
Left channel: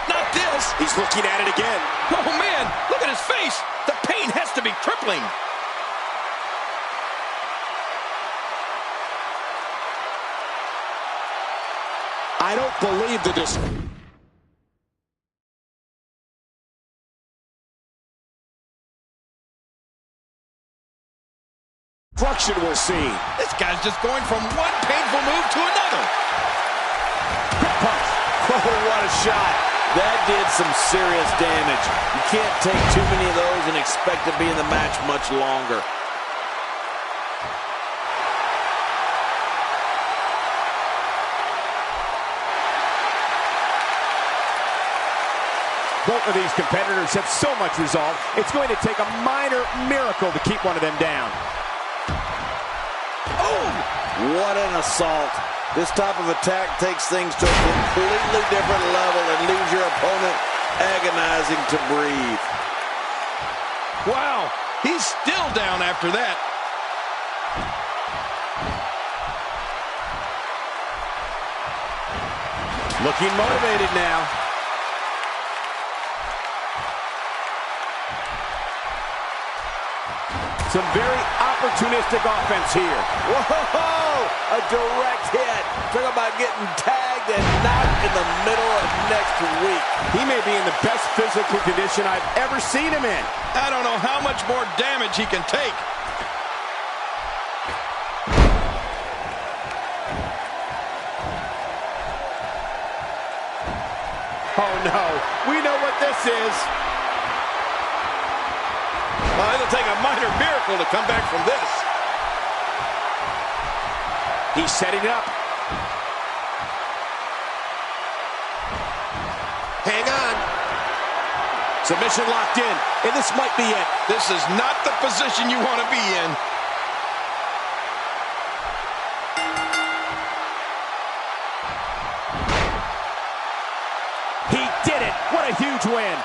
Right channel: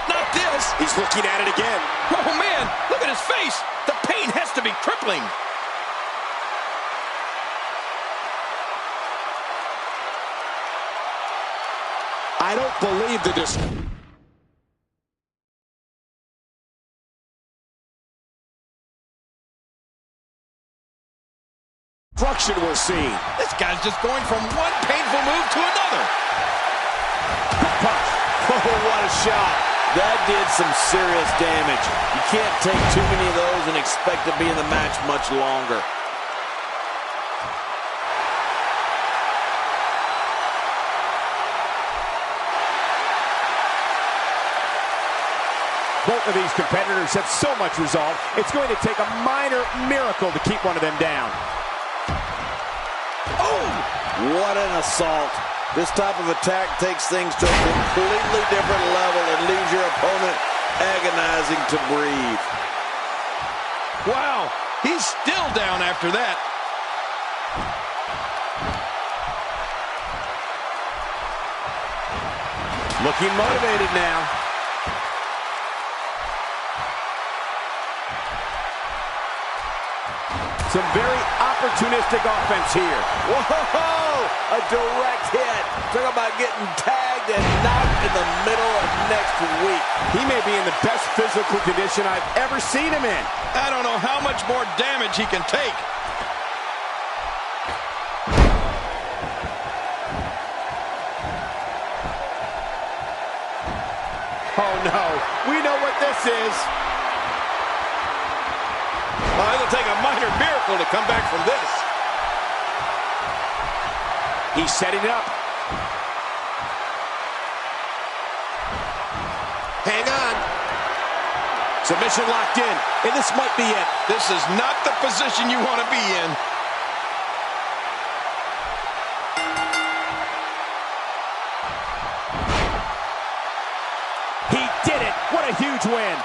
Not this. He's looking at it again. Oh, man, look at his face. The pain has to be crippling. I don't believe the destruction we're seeing. This guy's just going from one painful move to another. Quick punch. Oh, what a shot. That did some serious damage. You can't take too many of those and expect to be in the match much longer. Both of these competitors have so much resolve, it's going to take a minor miracle to keep one of them down. Oh, what an assault. This type of attack takes things to a completely different level and leaves your opponent agonizing to breathe. Wow, he's still down after that. Looking motivated now. Some very opportunistic offense here. Whoa, a direct hit. Talk about getting tagged and knocked in the middle of next week. He may be in the best physical condition I've ever seen him in. I don't know how much more damage he can take. Oh no, we know what this is. Oh, it'll take a minor miracle to come back from this. He's setting it up. Hang on. Submission locked in, and this might be it. This is not the position you want to be in. He did it. What a huge win.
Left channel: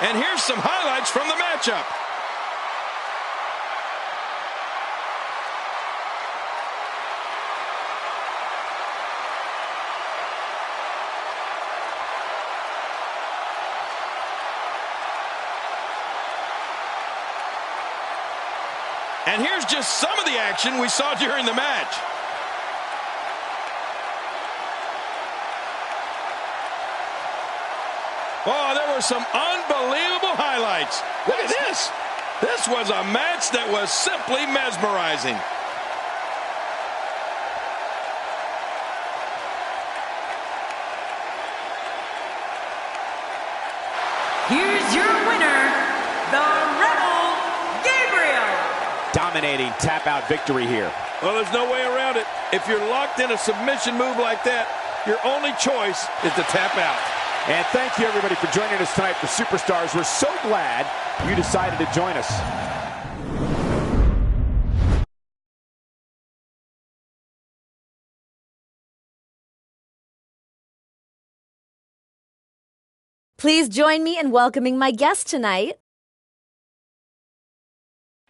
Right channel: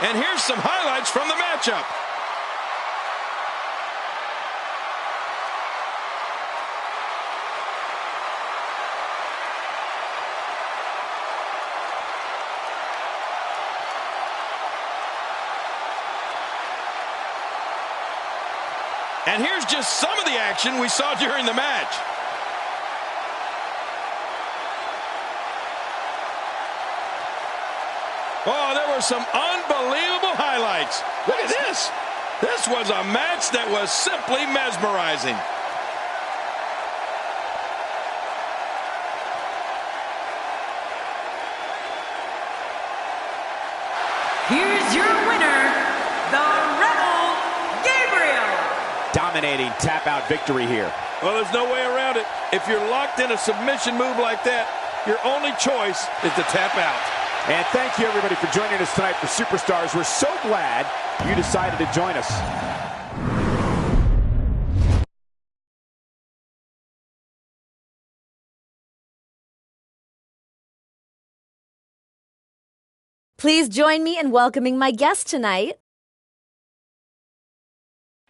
And here's some highlights from the matchup. And here's just some of the action we saw during the match. Oh, there were some unbelievable highlights. Look at this. This was a match that was simply mesmerizing. Here's your winner, the Rebel Gabriel. Dominating tap-out victory here. Well, there's no way around it. If you're locked in a submission move like that, your only choice is to tap out. And thank you, everybody, for joining us tonight for Superstars. We're so glad you decided to join us. Please join me in welcoming my guest tonight.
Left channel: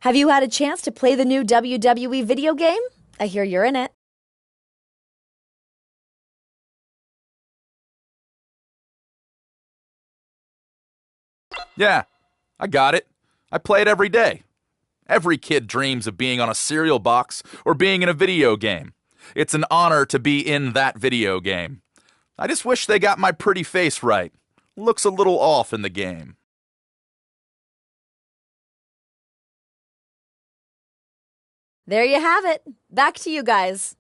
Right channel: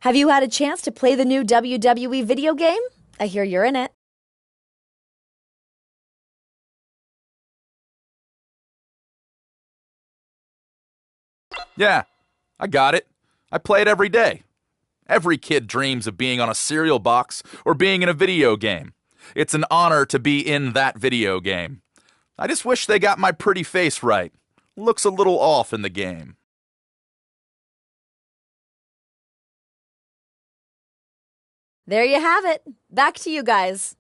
Have you had a chance to play the new WWE video game? I hear you're in it. Yeah, I got it. I play it every day. Every kid dreams of being on a cereal box or being in a video game. It's an honor to be in that video game. I just wish they got my pretty face right. Looks a little off in the game. There you have it. Back to you guys.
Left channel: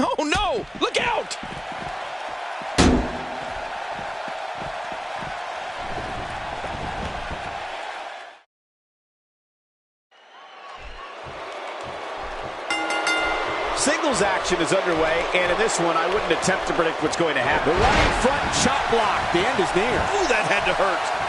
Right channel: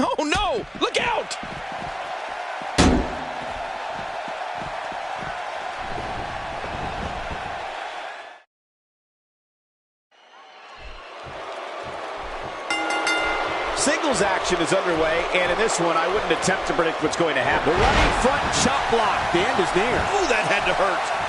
Oh, no! Look out! Singles action is underway, and in this one, I wouldn't attempt to predict what's going to happen. The running front chop block. The end is near. Ooh, that had to hurt.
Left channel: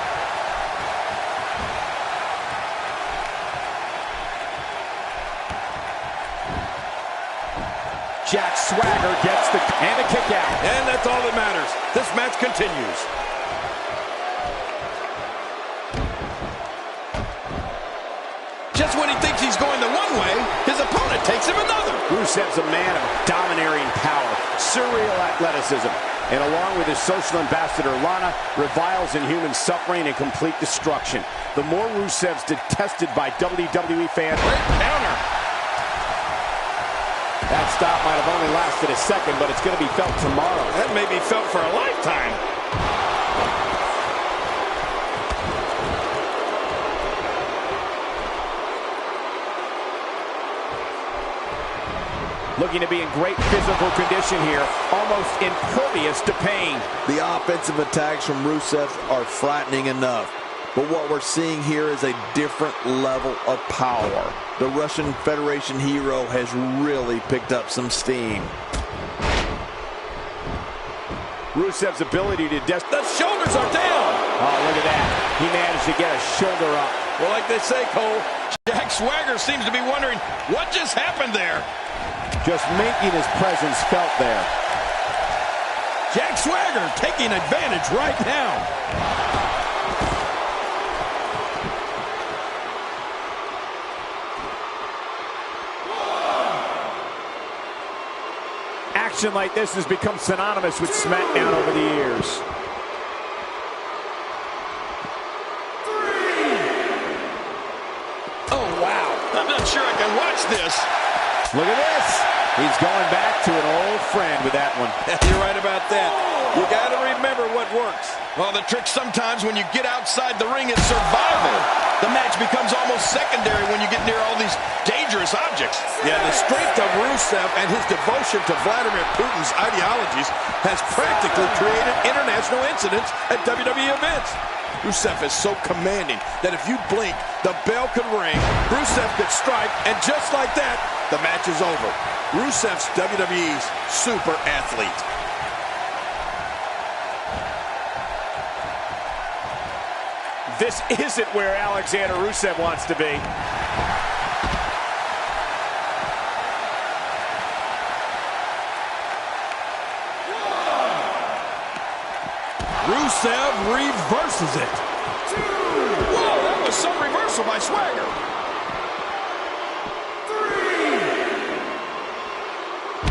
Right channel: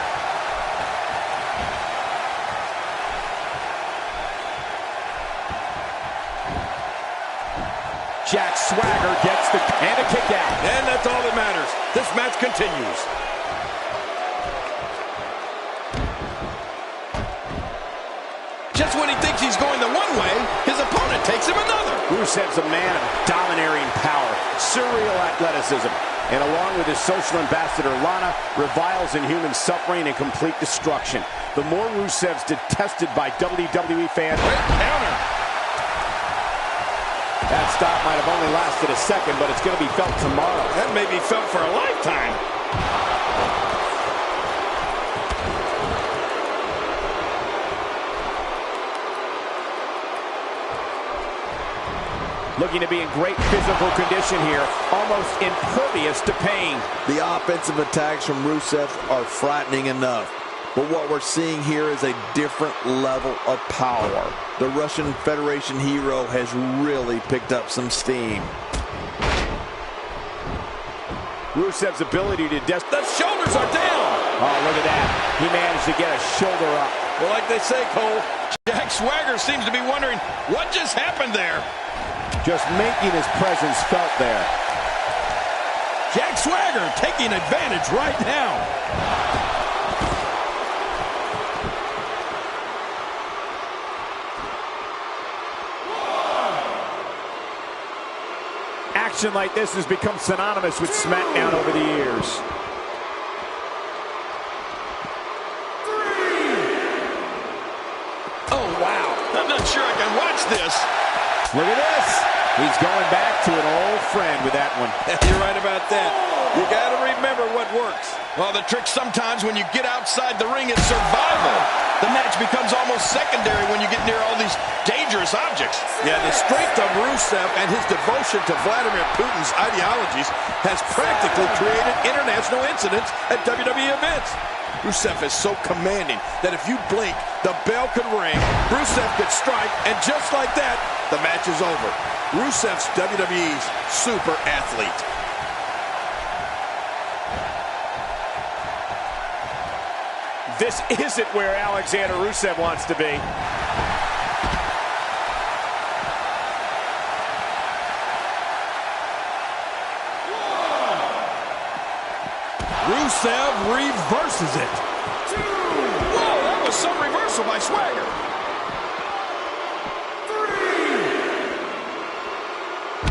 Jack Swagger gets the and a kick out. And that's all that matters. This match continues. Just when he thinks he's going the one way, his opponent takes him another. Rusev's a man of domineering power, surreal athleticism, and along with his social ambassador Lana, reviles in human suffering and complete destruction. The more Rusev's detested by WWE fans. Great counter. That stop might have only lasted a second, but it's going to be felt tomorrow. That may be felt for a lifetime. Looking to be in great physical condition here, almost impervious to pain. The offensive attacks from Rusev are frightening enough. But what we're seeing here is a different level of power. The Russian Federation hero has really picked up some steam. Rusev's ability to the shoulders are down. Oh, look at that. He managed to get a shoulder up. Well, like they say, Cole, Jack Swagger seems to be wondering what just happened there. Just making his presence felt there. Jack Swagger taking advantage right now. Action like this has become synonymous with SmackDown over the years. Oh, wow. I'm not sure I can watch this. Look at this. He's going back to an old friend with that one. You're right about that. You got to remember what works. Well, the trick sometimes when you get outside the ring is survival. The match becomes almost secondary when you get near all these dangerous objects. Yeah, the strength of Rusev and his devotion to Vladimir Putin's ideologies has practically created international incidents at WWE events. Rusev is so commanding that if you blink, the bell could ring, Rusev could strike, and just like that, the match is over. Rusev's WWE's super athlete. This isn't where Alexander Rusev wants to be. Rusev reverses it. Whoa, that was some reversal by Swagger.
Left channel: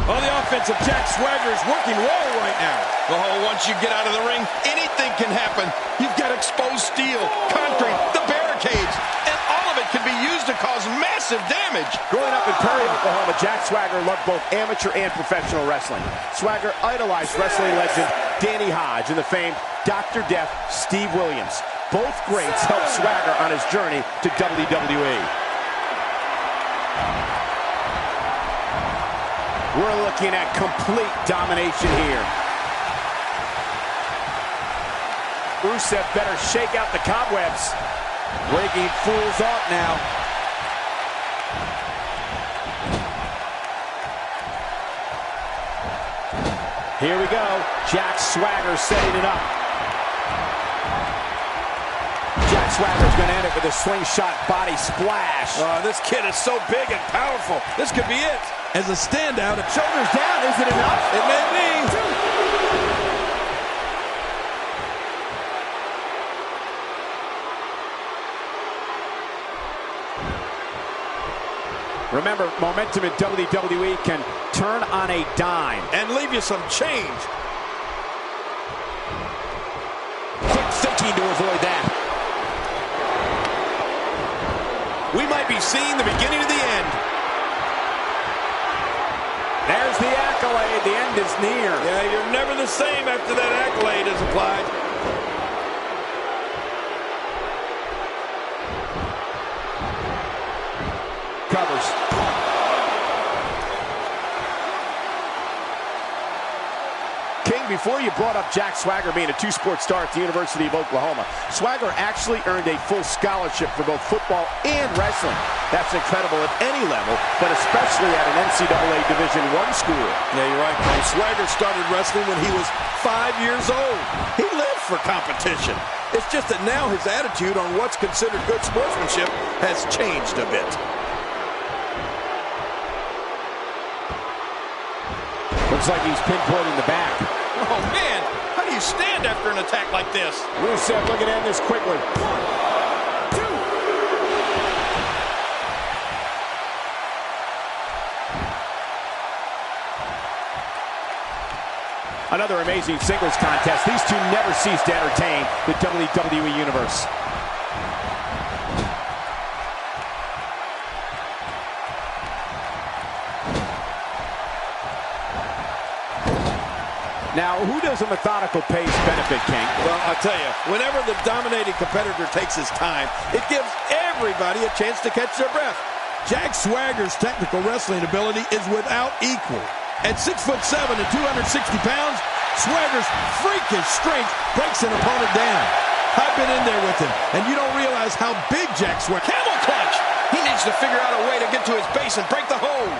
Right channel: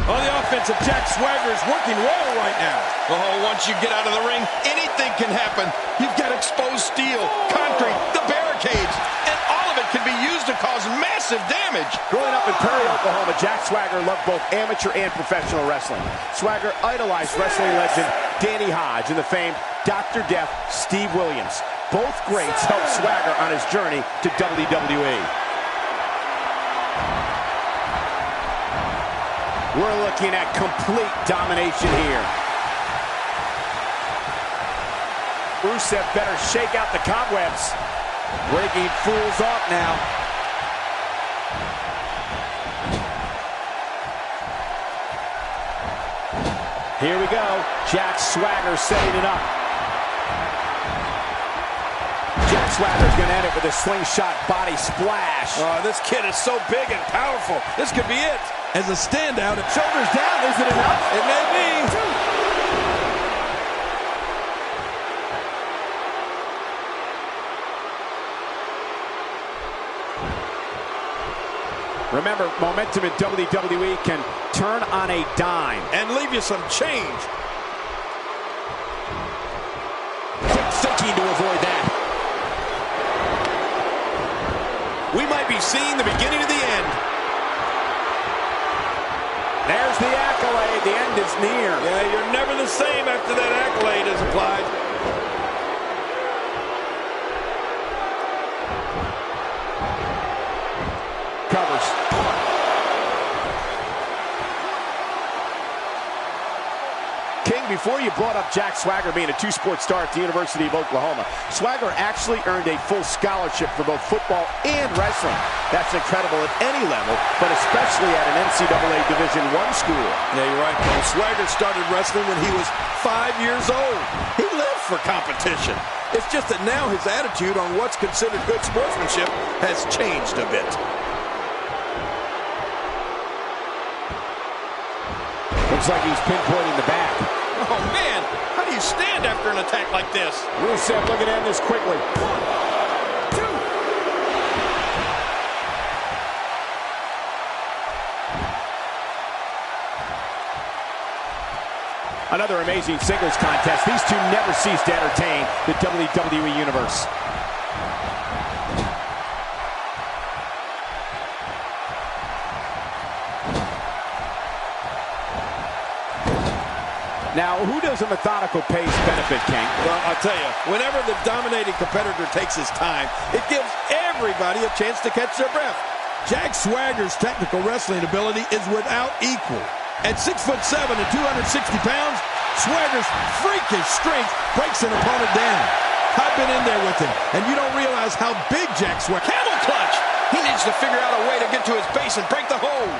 On the offensive, Jack Swagger is working well right now. Oh, once you get out of the ring, anything can happen. You've got exposed steel, concrete, the barricades, and all of it can be used to cause massive damage. Growing up in Perry, Oklahoma, Jack Swagger loved both amateur and professional wrestling. Swagger idolized wrestling legend Danny Hodge and the famed Dr. Death Steve Williams. Both greats helped Swagger on his journey to WWE. We're looking at complete domination here. Rusev better shake out the cobwebs. Breaking fools off now. Here we go. Jack Swagger setting it up. Jack Swagger's going to end it with a slingshot body splash. Oh, this kid is so big and powerful. This could be it. As a standout, Shoulders down, is it enough? It may be. Remember, momentum in WWE can turn on a dime. And leave you some change. Quick thinking to avoid that. We might be seeing the beginning of the end. There's the accolade. The end is near. Yeah, you're never the same after that accolade is applied. Covers. King, before you brought up Jack Swagger being a two-sport star at the University of Oklahoma, Swagger actually earned a full scholarship for both football and wrestling. That's incredible at any level, but especially at an NCAA Division I school. Yeah, you're right, Cole. Swagger started wrestling when he was 5 years old. He lived for competition. It's just that now his attitude on what's considered good sportsmanship has changed a bit. Looks like he's pinpointing the back. Oh, man. How do you stand after an attack like this? Rusev looking to end this quickly. 1, 2. Another amazing singles contest. These two never cease to entertain the WWE Universe. Now, who does a methodical pace benefit, King? Well, I'll tell you, whenever the dominating competitor takes his time, it gives everybody a chance to catch their breath. Jack Swagger's technical wrestling ability is without equal. At 6'7" and 260 pounds, Swagger's freakish strength breaks an opponent down. I've been in there with him, and you don't realize how big Jack Swagger... Camel clutch! He needs to figure out a way to get to his base and break the hold.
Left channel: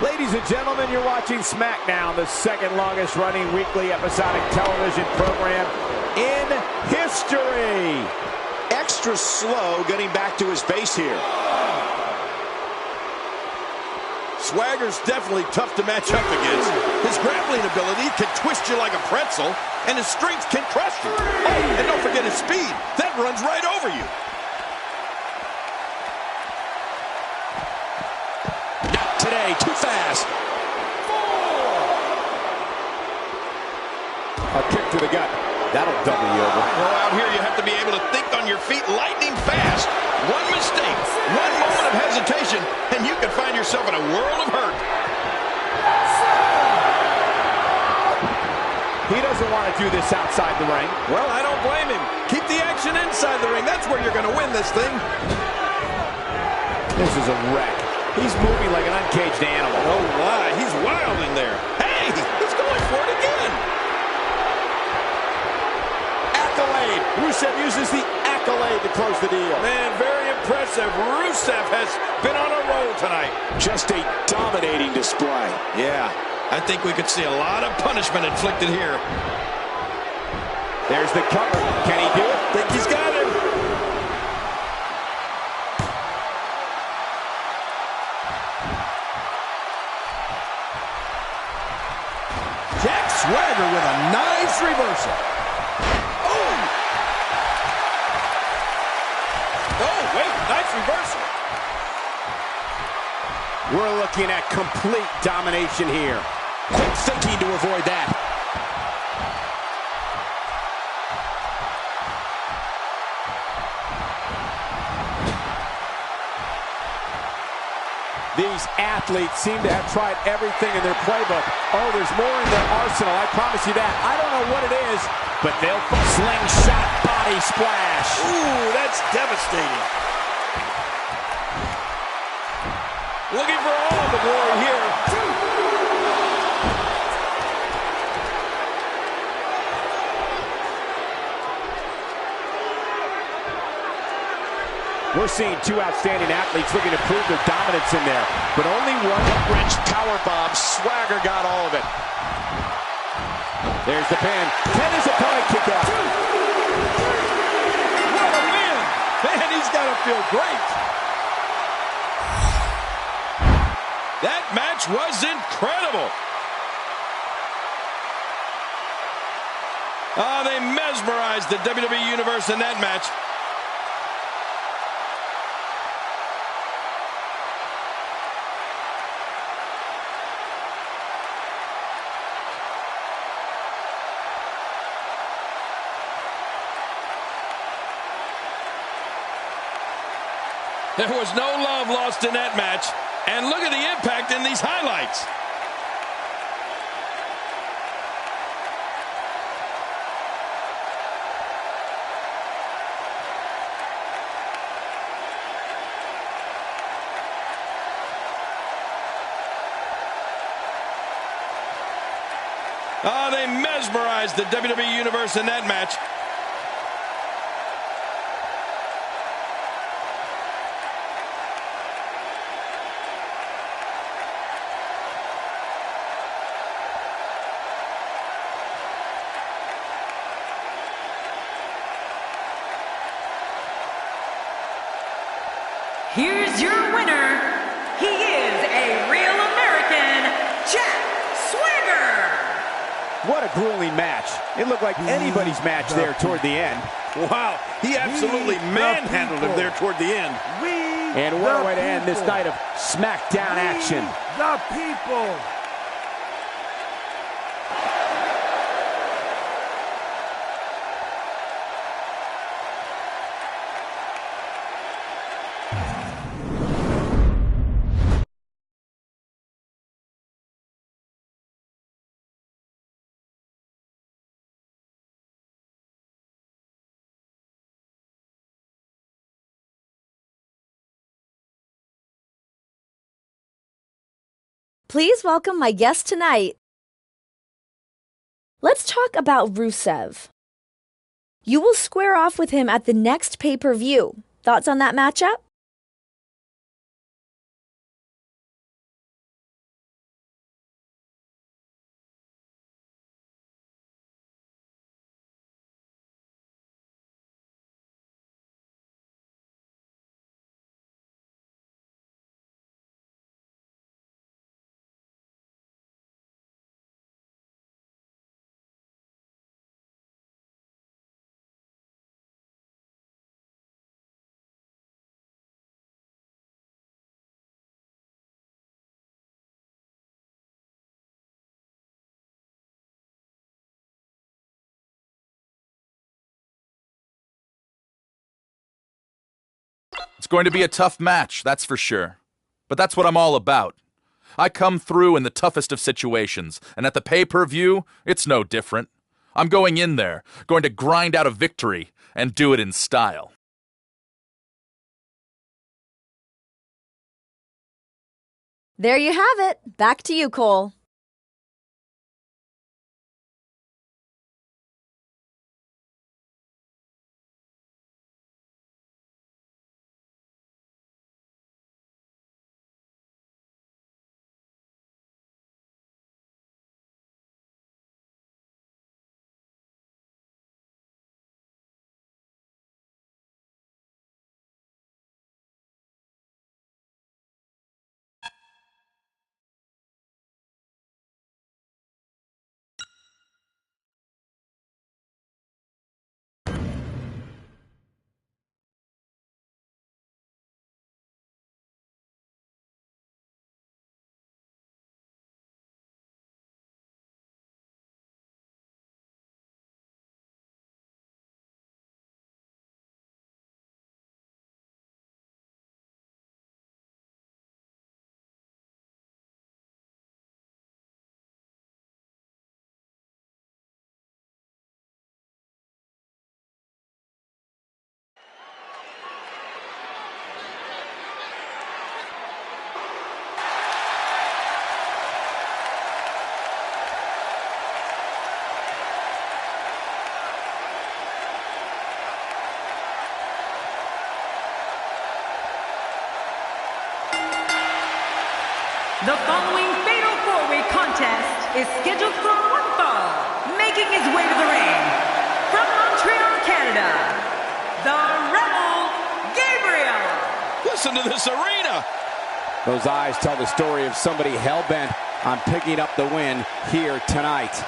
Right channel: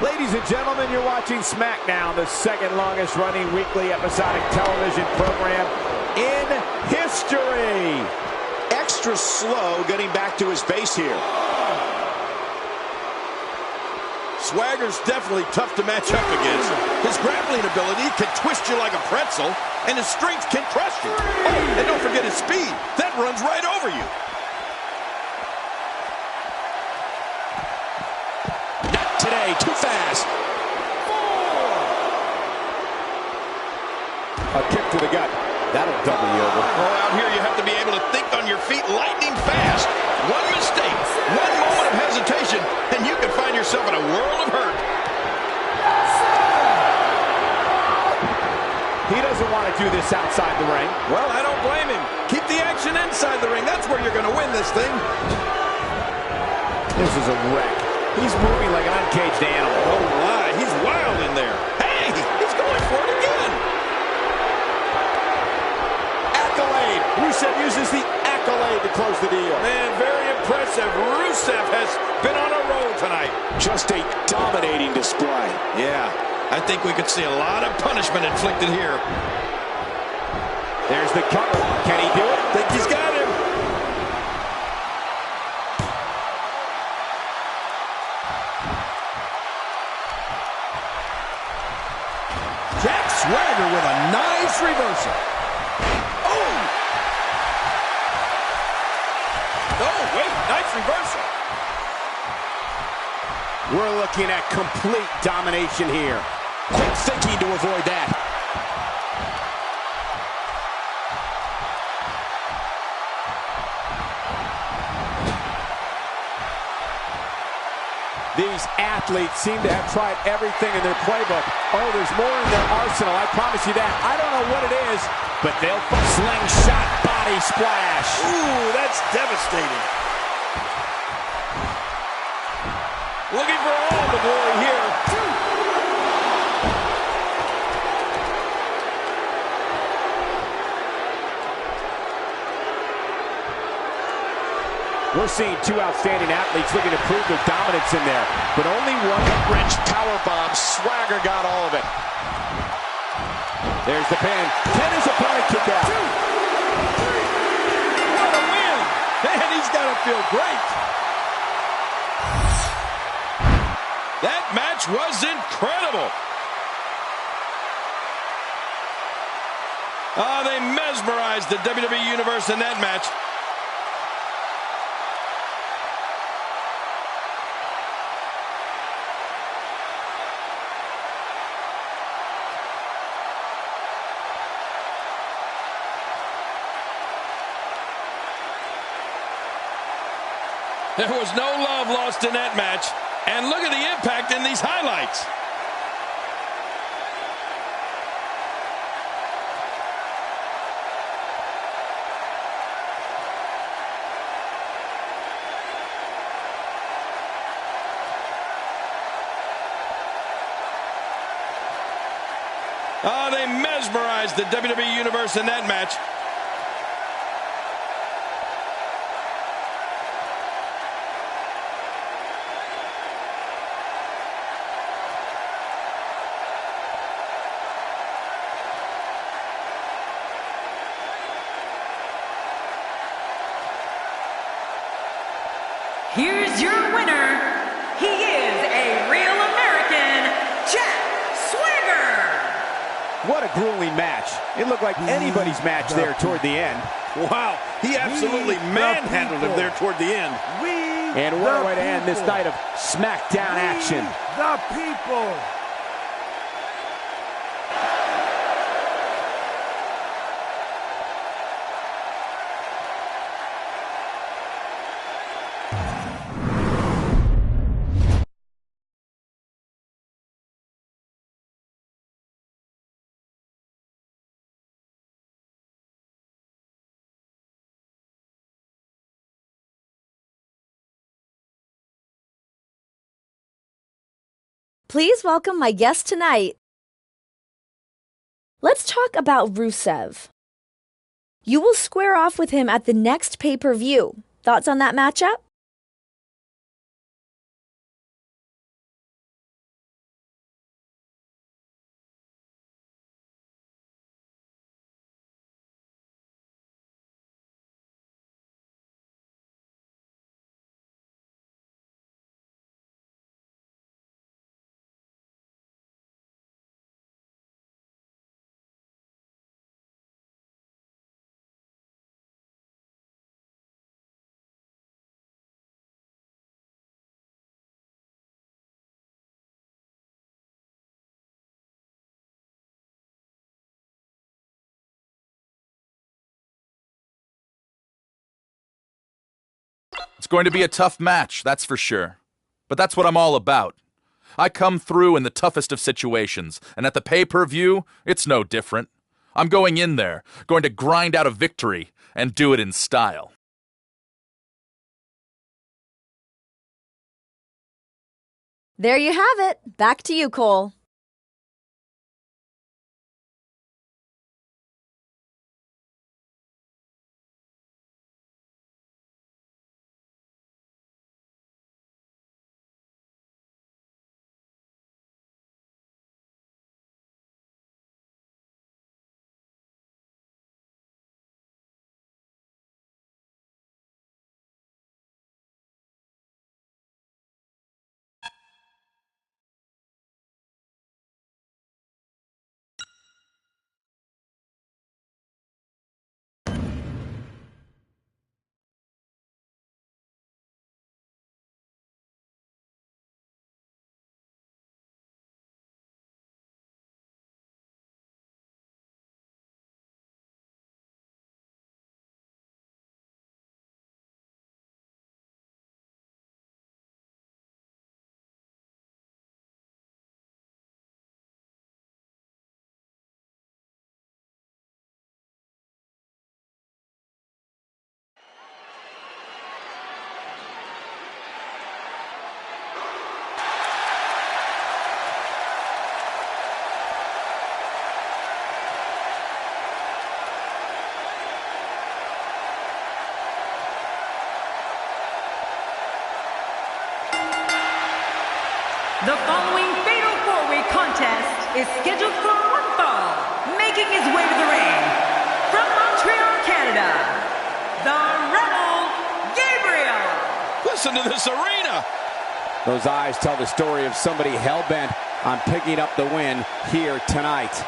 Ladies and gentlemen, you're watching SmackDown, the second longest running weekly episodic television program in history. Extra slow getting back to his base here. Swagger's definitely tough to match up against. His grappling ability can twist you like a pretzel, and his strength can crush you. Oh, and don't forget his speed. That runs right over you. Not today, too fast. 4. A kick to the gut. That'll double you over. Oh, out here you have to be able to think on your feet lightning fast. One mistake, one moment of hesitation, and you can find yourself in a world of hurt. He doesn't want to do this outside the ring. Well, I don't blame him. Keep the action inside the ring. That's where you're going to win this thing. This is a wreck. He's moving like an uncaged animal. Oh, my. He's wild in there. Hey, he's going for it again. Accolade. Rusev uses the accolade to close the deal. Man, very impressive. Rusev has been on a roll tonight. Just a dominating display. Yeah, I think we could see a lot of punishment inflicted here. There's the cover. Can he do it? Think he's got him. Jack Swagger with a nice reversal. Oh, wait, nice reversal. We're looking at complete domination here. Quick thinking to avoid that. These athletes seem to have tried everything in their playbook. Oh, there's more in their arsenal, I promise you that. I don't know what it is, but they'll slingshot body splash. Ooh, that's devastating. Looking for all the glory here. We're seeing two outstanding athletes looking to prove their dominance in there, but only one Wrench powerbomb. Swagger got all of it. There's the pin. Can his opponent kick out? 2, 3. What a win! Man, he's got to feel great. That match was incredible. Oh, they mesmerized the WWE Universe in that match. There was no love lost in that match. And look at the impact in these highlights. Oh, they mesmerized the WWE Universe in that match. Here's your winner. He is a real American, Jack Swagger. What a grueling match. It looked like anybody's match there toward the end. Wow, he absolutely manhandled him there toward the end. And what a way to end this night of SmackDown action. The people. Please welcome my guest tonight. Let's talk about Rusev. You will square off with him at the next pay-per-view. Thoughts on that matchup? It's going to be a tough match, that's for sure. But that's what I'm all about. I come through in the toughest of situations, and at the pay-per-view, it's no different. I'm going in there, going to grind out a victory, and do it in style. There you have it. Back to you, Cole. The following fatal four-way contest is scheduled for one fall. Making his way to the ring, from Montreal, Canada, the Rebel Gabriel. Listen to this arena. Those eyes tell the story of somebody hell-bent on picking up the win here tonight.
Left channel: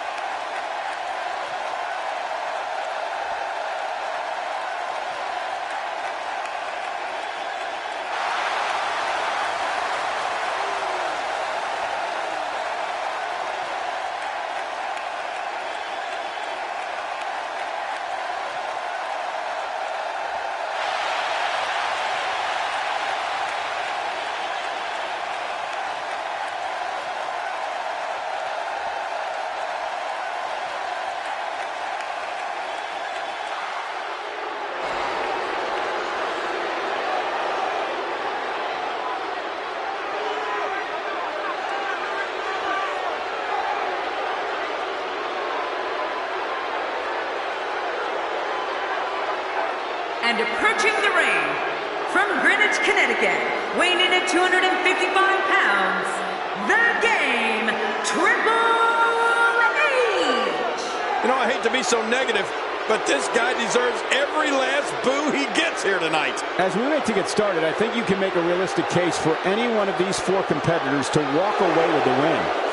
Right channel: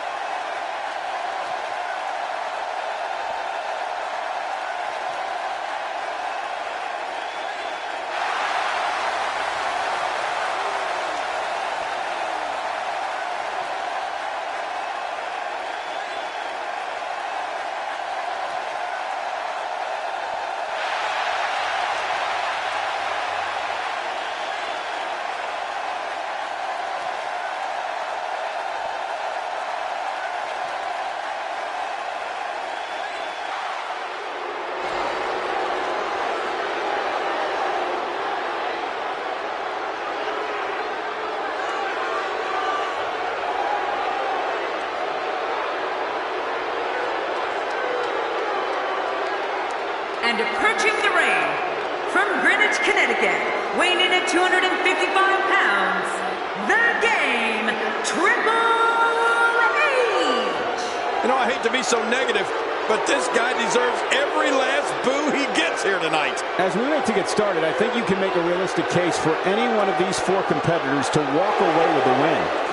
And approaching the ring, from Greenwich, Connecticut, weighing in at 255 pounds, the Game, Triple H! You know, I hate to be so negative, but this guy deserves every last boo he gets here tonight. As we wait to get started, I think you can make a realistic case for any one of these four competitors to walk away with the win.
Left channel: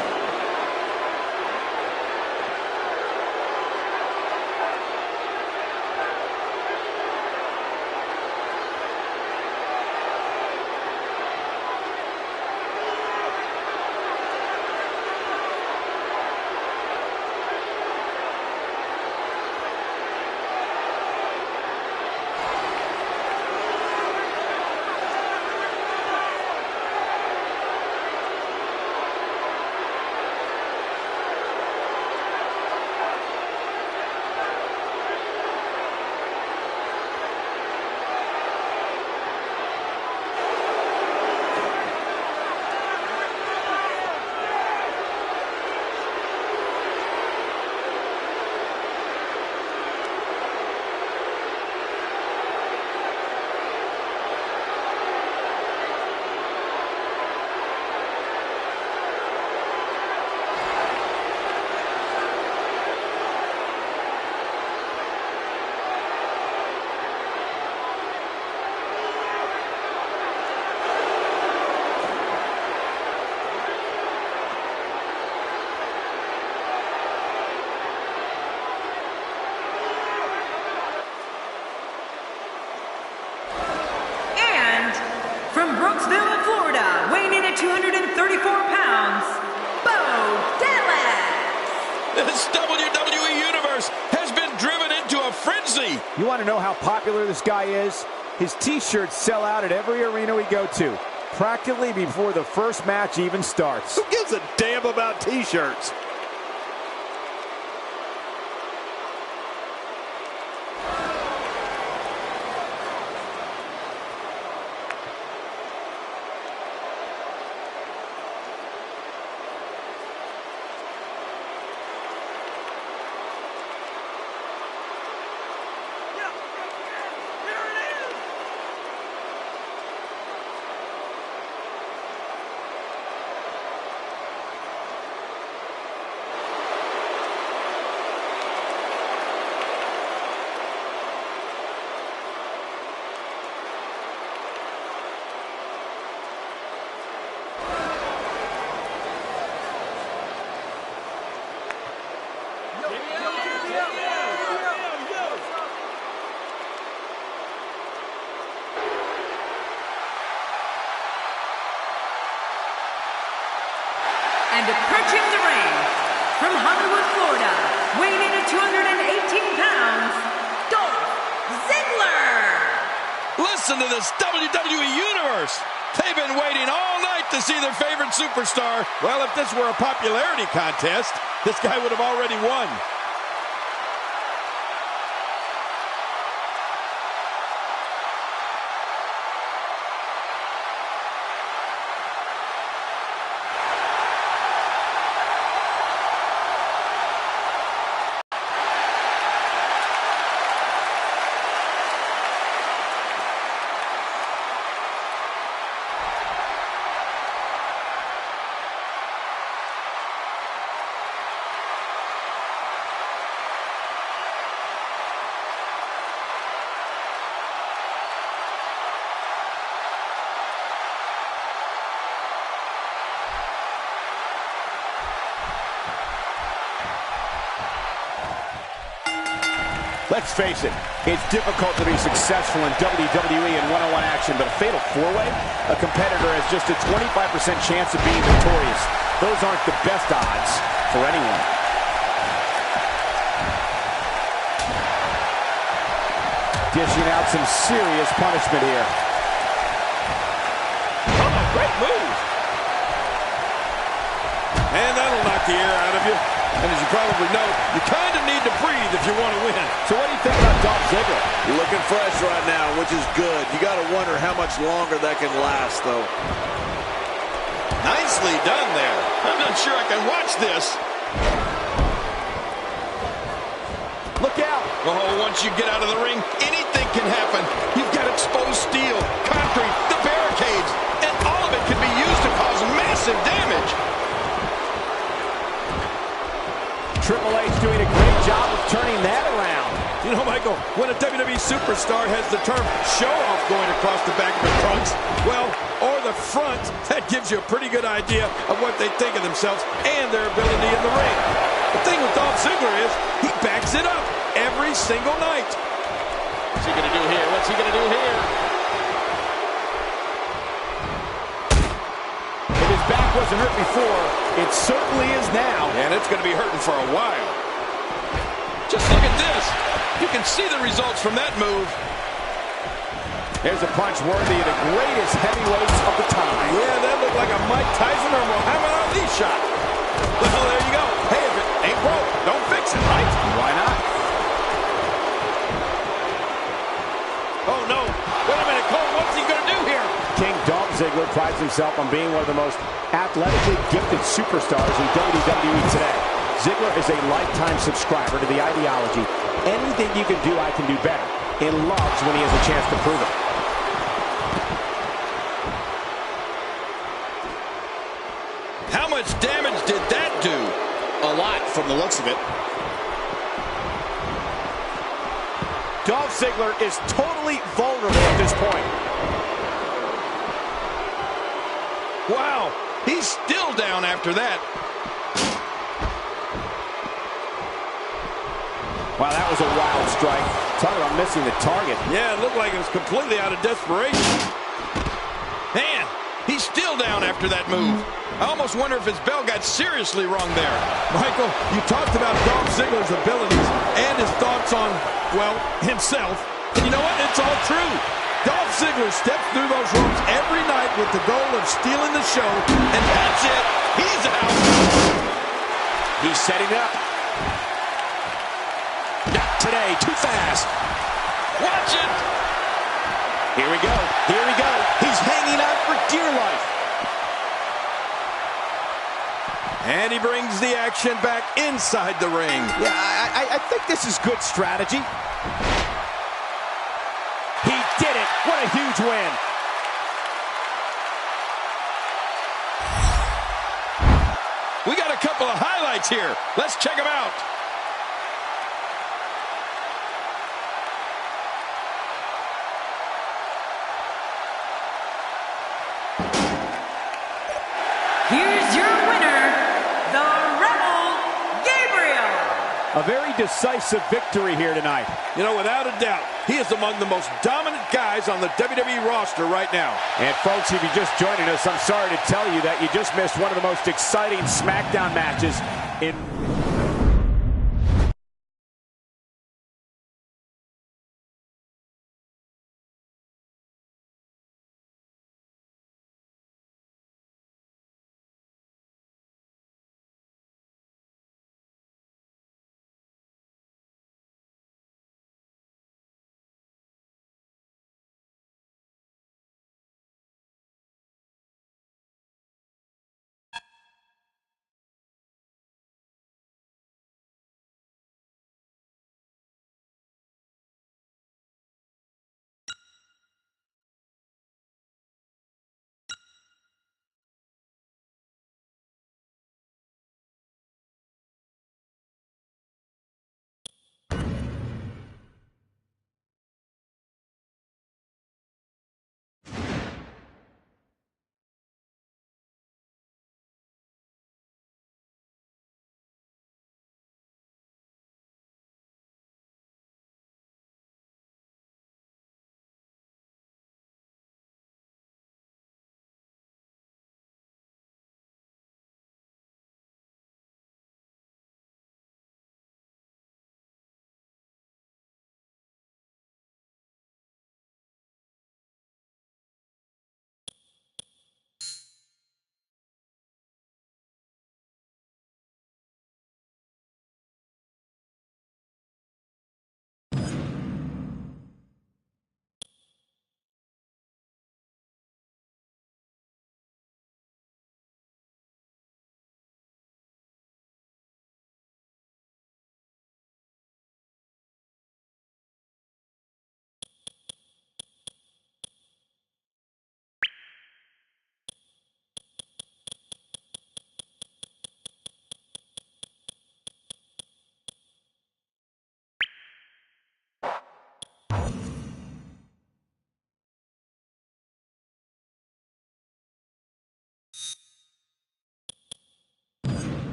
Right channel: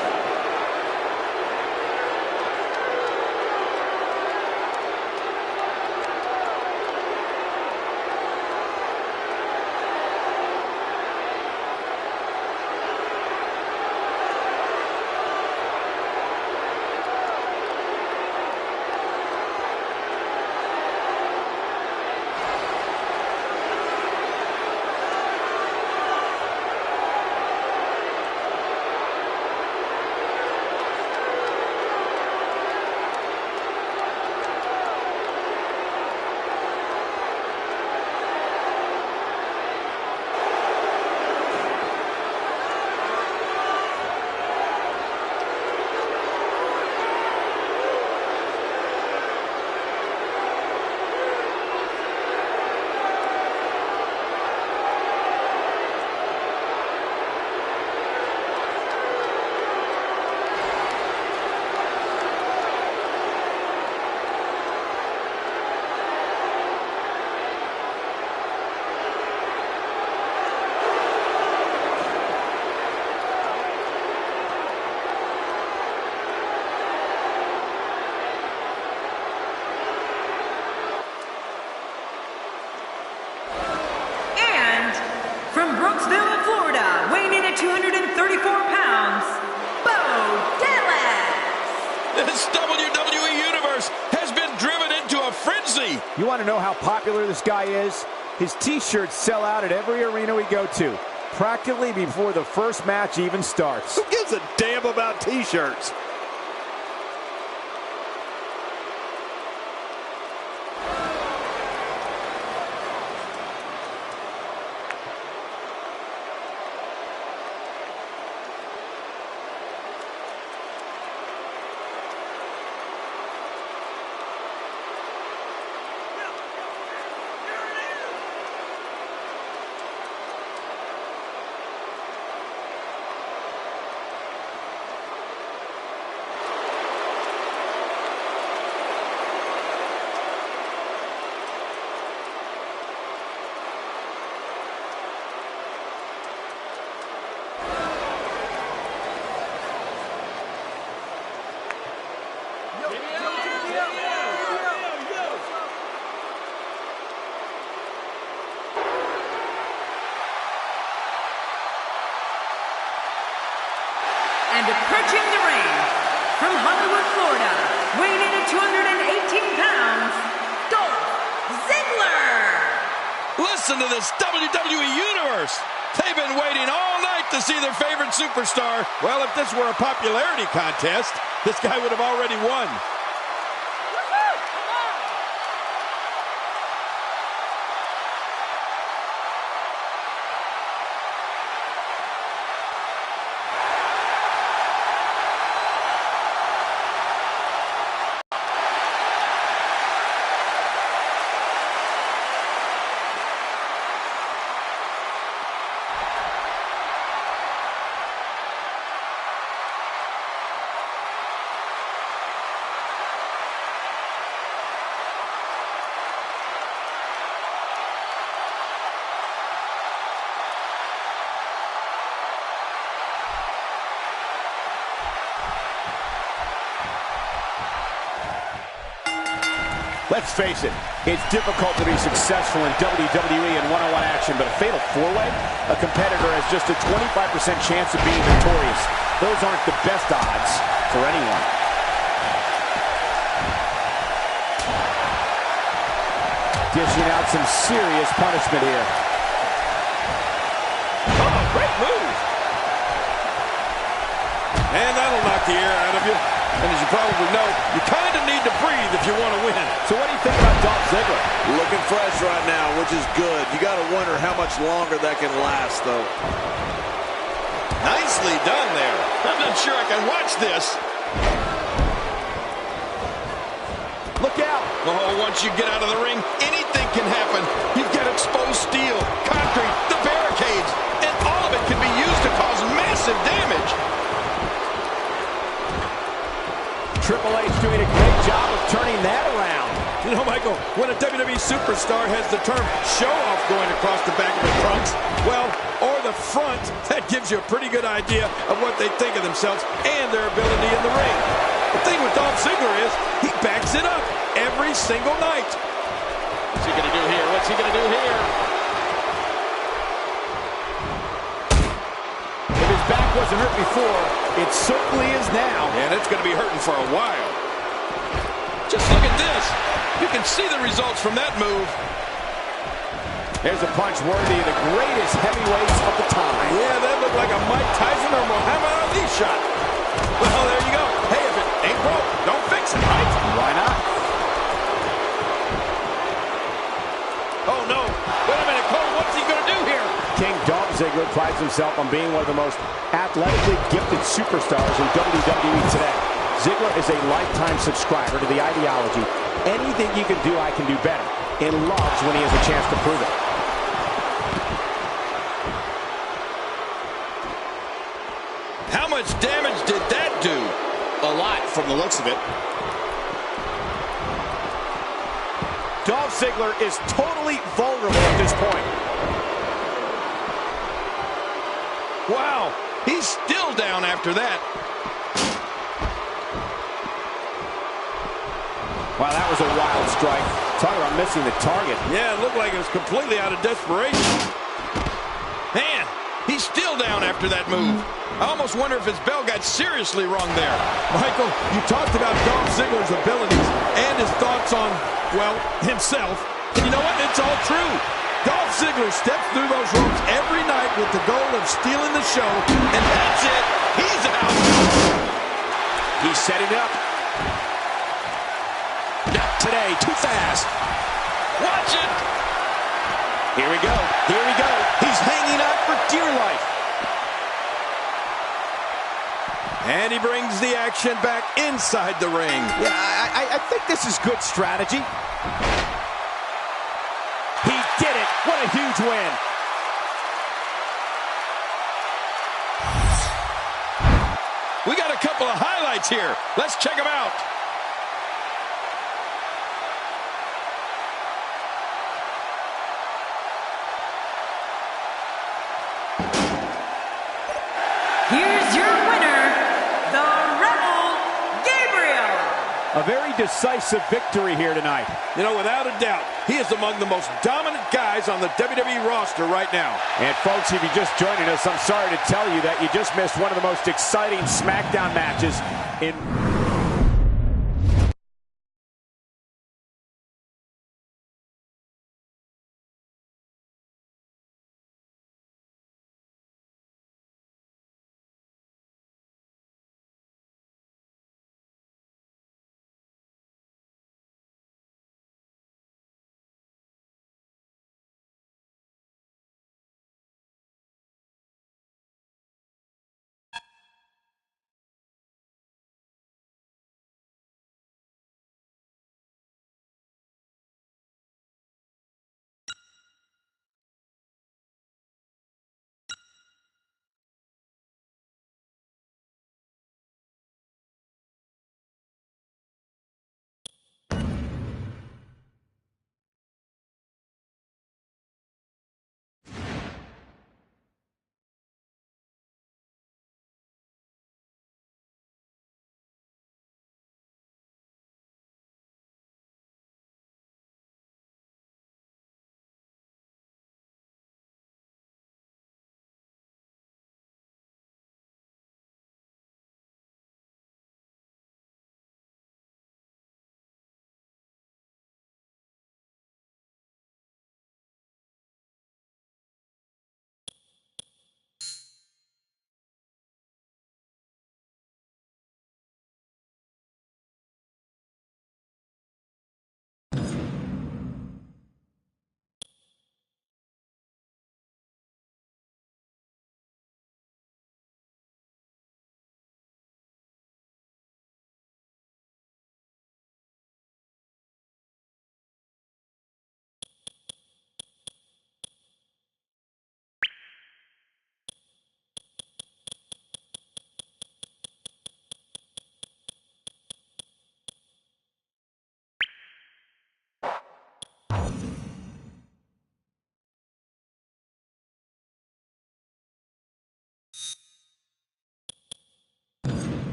From Brooksville, Florida, weighing in at 234 pounds, Bo Dallas. This WWE Universe has been driven into a frenzy. You want to know how popular this guy is? His t-shirts sell out at every arena we go to, practically before the first match even starts. Who gives a damn about t-shirts? And approaching the ring, from Hollywood, Florida, weighing in at 218 pounds, Dolph Ziggler. Listen to this WWE Universe. They've been waiting all night to see their favorite superstar. Well, if this were a popularity contest, this guy would have already won. Let's face it, it's difficult to be successful in WWE in one-on-one action, but a fatal four-way? A competitor has just a 25% chance of being victorious. Those aren't the best odds for anyone. Dishing out some serious punishment here. Oh, great move. And that'll knock the air out of you. And as you probably know, you kind of need to breathe if you want to win. So what do you think about Dolph Ziggler? Looking fresh right now, which is good. You got to wonder how much longer that can last, though. Nicely done there. I'm not sure I can watch this. Look out. Oh, once you get out of the ring, anything can happen. You've got exposed steel, concrete, the barricades, and all of it can be used to cause massive damage. Triple H doing a great job of turning that around. You know, Michael, when a WWE superstar has the term show-off going across the back of their trunks, well, or the front, that gives you a pretty good idea of what they think of themselves and their ability in the ring. The thing with Dolph Ziggler is he backs it up every single night. What's he going to do here? What's he going to do here? If his back wasn't hurt before, it certainly is now. And it's going to be hurting for a while. Just look at this. You can see the results from that move. There's a punch worthy of the greatest heavyweights of the time. Yeah, that looked like a Mike Tyson or Muhammad Ali shot. Well, there you go. Hey, if it ain't broke, don't fix it, right? Why not? Oh, no. Wait a minute, Cole. What's he going to do here? King Dolph Ziggler prides himself on being one of the most athletically gifted superstars in WWE today. Ziggler is a lifetime subscriber to the ideology, anything you can do, I can do better, and loves when he has a chance to prove it. How much damage did that do? A lot from the looks of it. Dolph Ziggler is totally vulnerable at this point. Wow, he's still down after that. Wow, that was a wild strike. Talk about missing the target. Yeah, it looked like it was completely out of desperation. Man, he's still down after that move. I almost wonder if his bell got seriously wrong there. Michael, you talked about Dolph Ziggler's abilities and his thoughts on, well, himself. And you know what? It's all true. Dolph Ziggler steps through those ropes every night with the goal of stealing the show, and that's it. He's out. He's setting up. Not today. Too fast. Watch it. Here we go. Here we go. He's hanging on for dear life. And he brings the action back inside the ring. Yeah, I think this is good strategy. He did it. What a huge win. We got a couple of highlights here. Let's check them out. Here's your winner, the Rebel Gabriel. A very decisive victory here tonight. You know, without a doubt, he is among the most dominant guys on the WWE roster right now. And folks, if you're just joining us, I'm sorry to tell you that you just missed one of the most exciting SmackDown matches in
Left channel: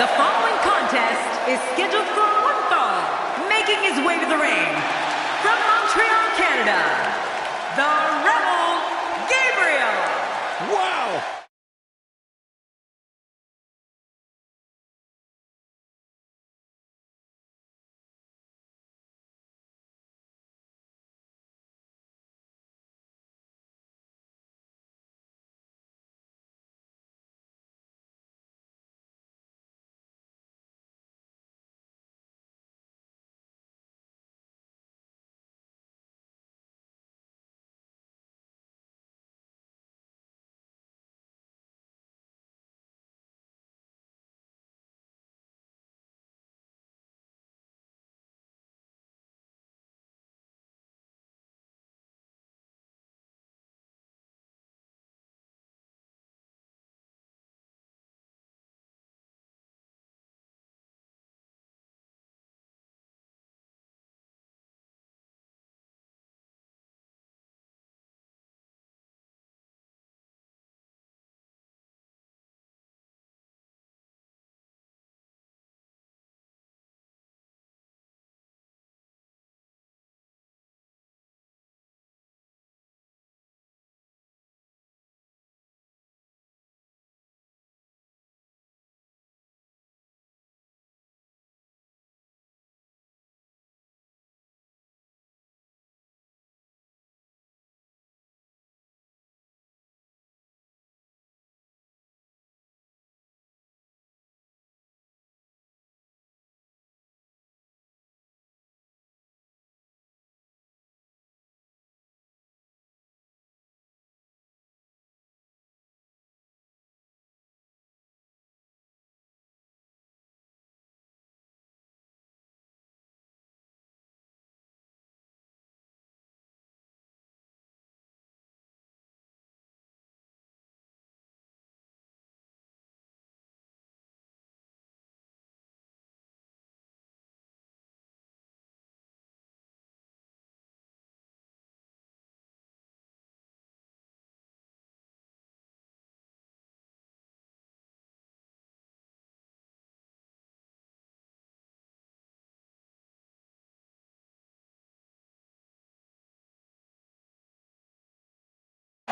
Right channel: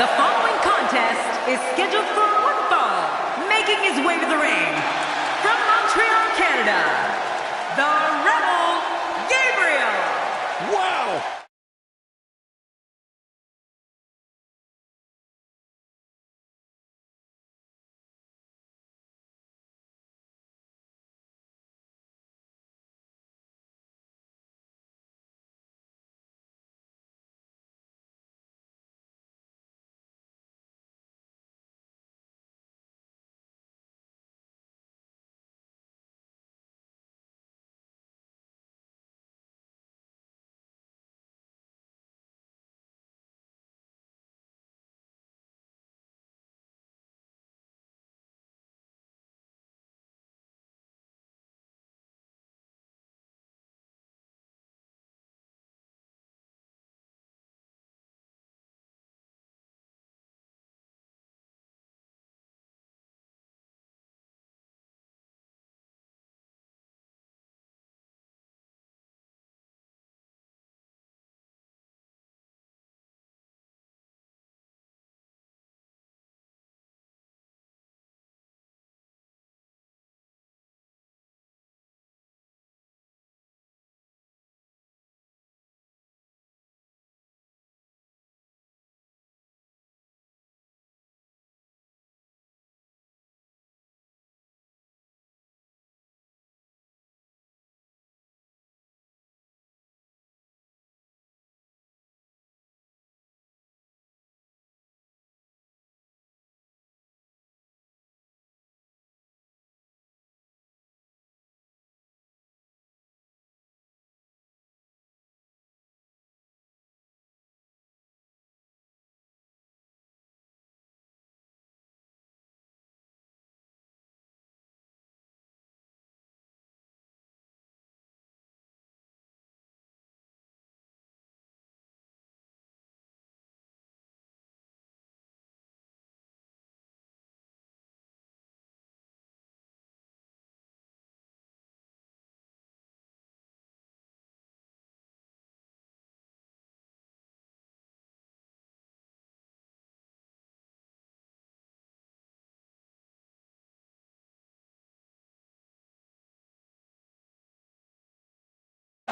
The following contest is scheduled for one fall. Making his way to the ring, from Montreal, Canada, the Rebel Gabriel. Wow!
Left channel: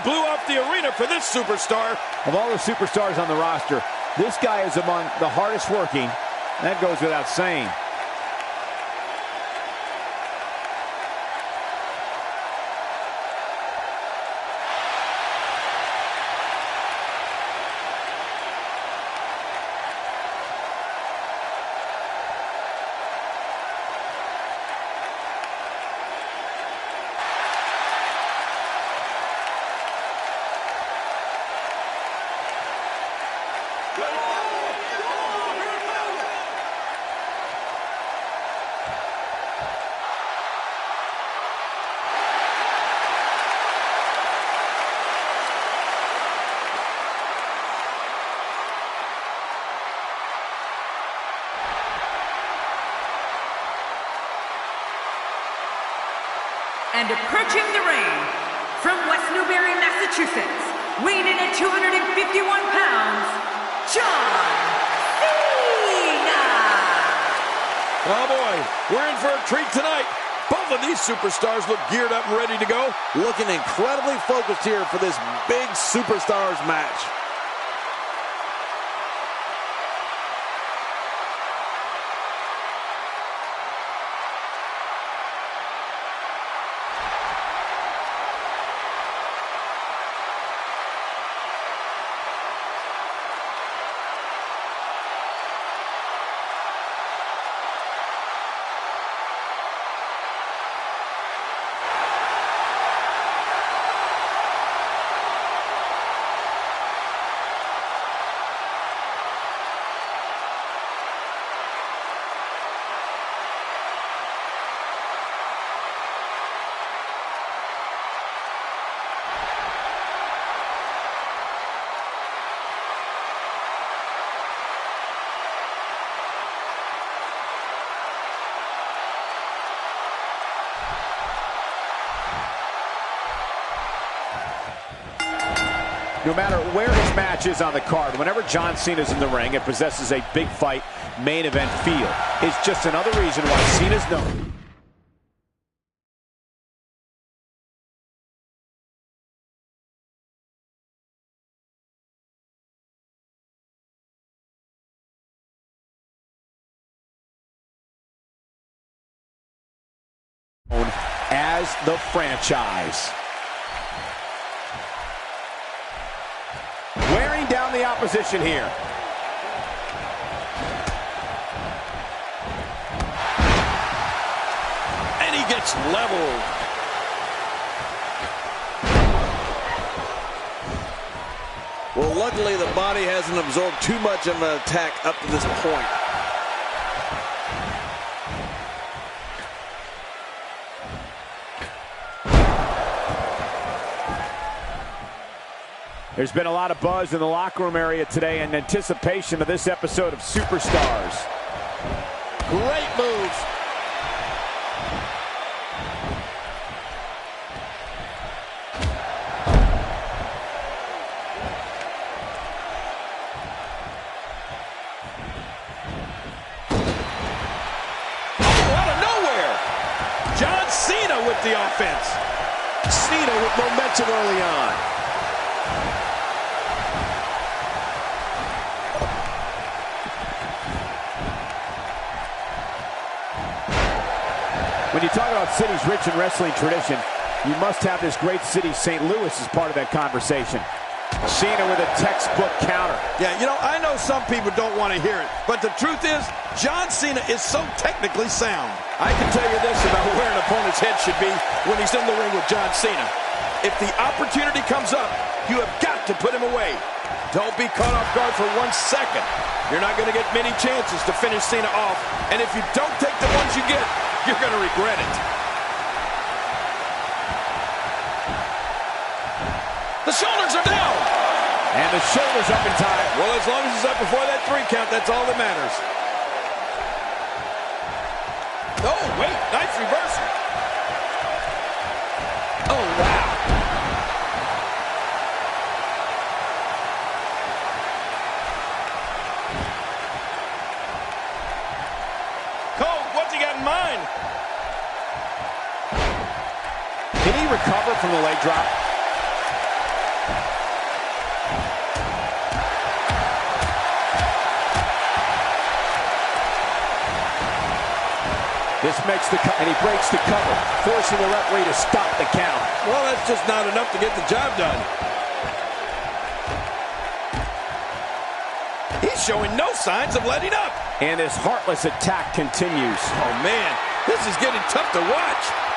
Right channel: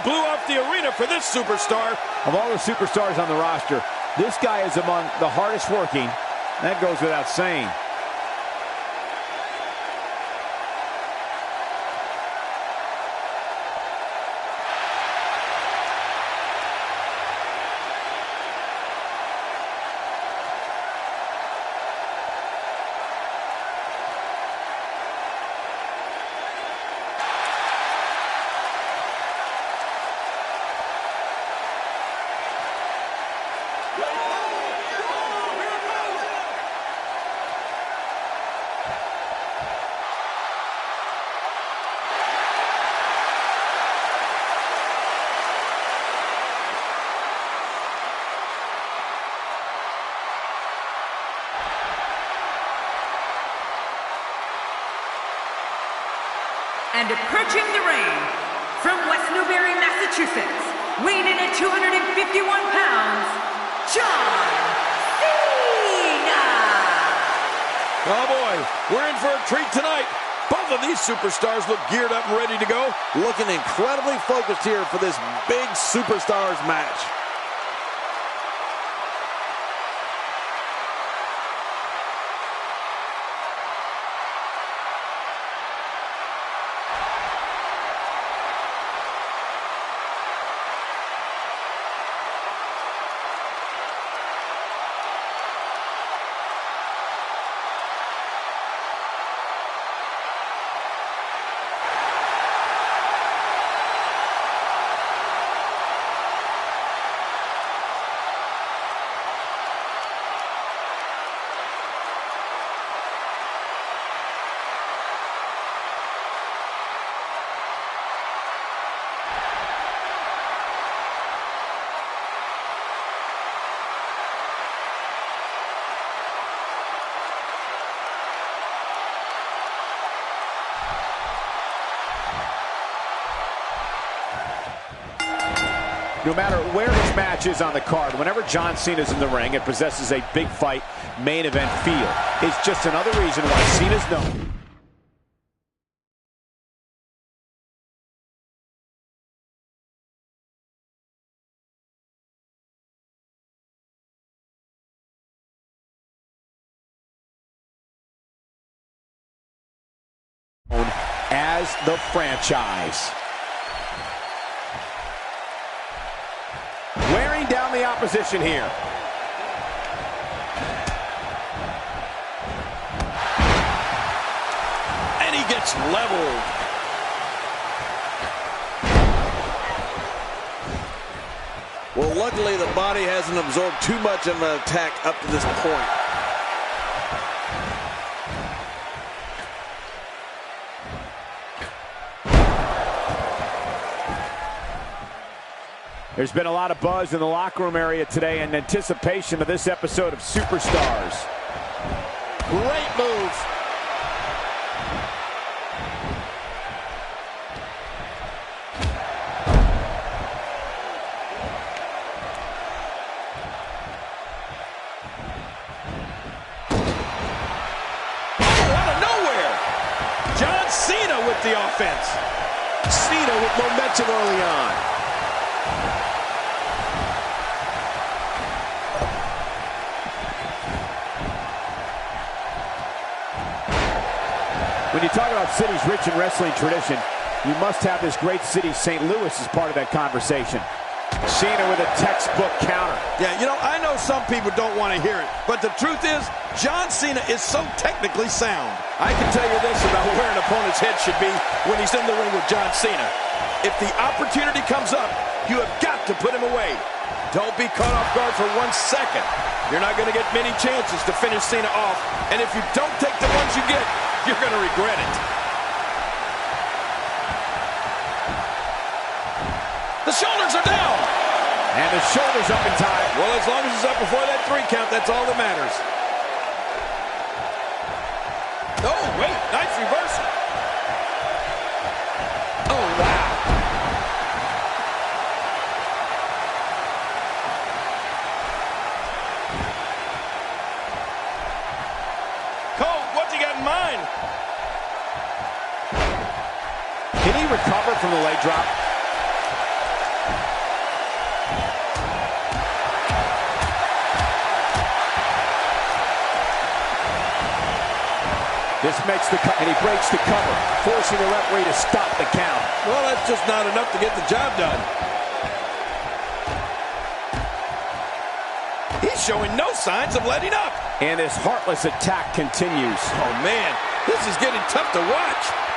Blew off the arena for this superstar. Of all the superstars on the roster, this guy is among the hardest working. That goes without saying. And approaching the ring, from West Newbury, Massachusetts, weighing in at 251 pounds, John Cena! Oh boy, we're in for a treat tonight. Both of these superstars look geared up and ready to go. Looking incredibly focused here for this big superstars match. No matter where his match is on the card, whenever John Cena's in the ring, it possesses a big fight, main event feel. It's just another reason why Cena's known as the franchise. Wearing down the opposition here. And he gets leveled. Well, luckily the body hasn't absorbed too much of an attack up to this point. There's been a lot of buzz in the locker room area today in anticipation of this episode of Superstars. Great move. Oh, out of nowhere. John Cena with the offense. Cena with momentum early on. When you talk about cities rich in wrestling tradition, you must have this great city, St. Louis, as part of that conversation. Cena with a textbook counter. Yeah, you know, I know some people don't want to hear it, but the truth is, John Cena is so technically sound. I can tell you this about where an opponent's head should be when he's in the ring with John Cena. If the opportunity comes up, you have got to put him away. Don't be caught off guard for 1 second. You're not going to get many chances to finish Cena off, and if you don't take the ones you get, you're going to regret it. The shoulders are down. And the shoulders up in time. Well, as long as it's up before that 3 count, that's all that matters. Oh, wait, nice reversal. Oh, wow. Cole, what's he got in mind? Can he recover from the leg drop? This makes the cut, and he breaks the cover, forcing the referee to stop the count. Well, that's just not enough to get the job done. He's showing no signs of letting up. And this heartless attack continues. Oh, man, this is getting tough to watch.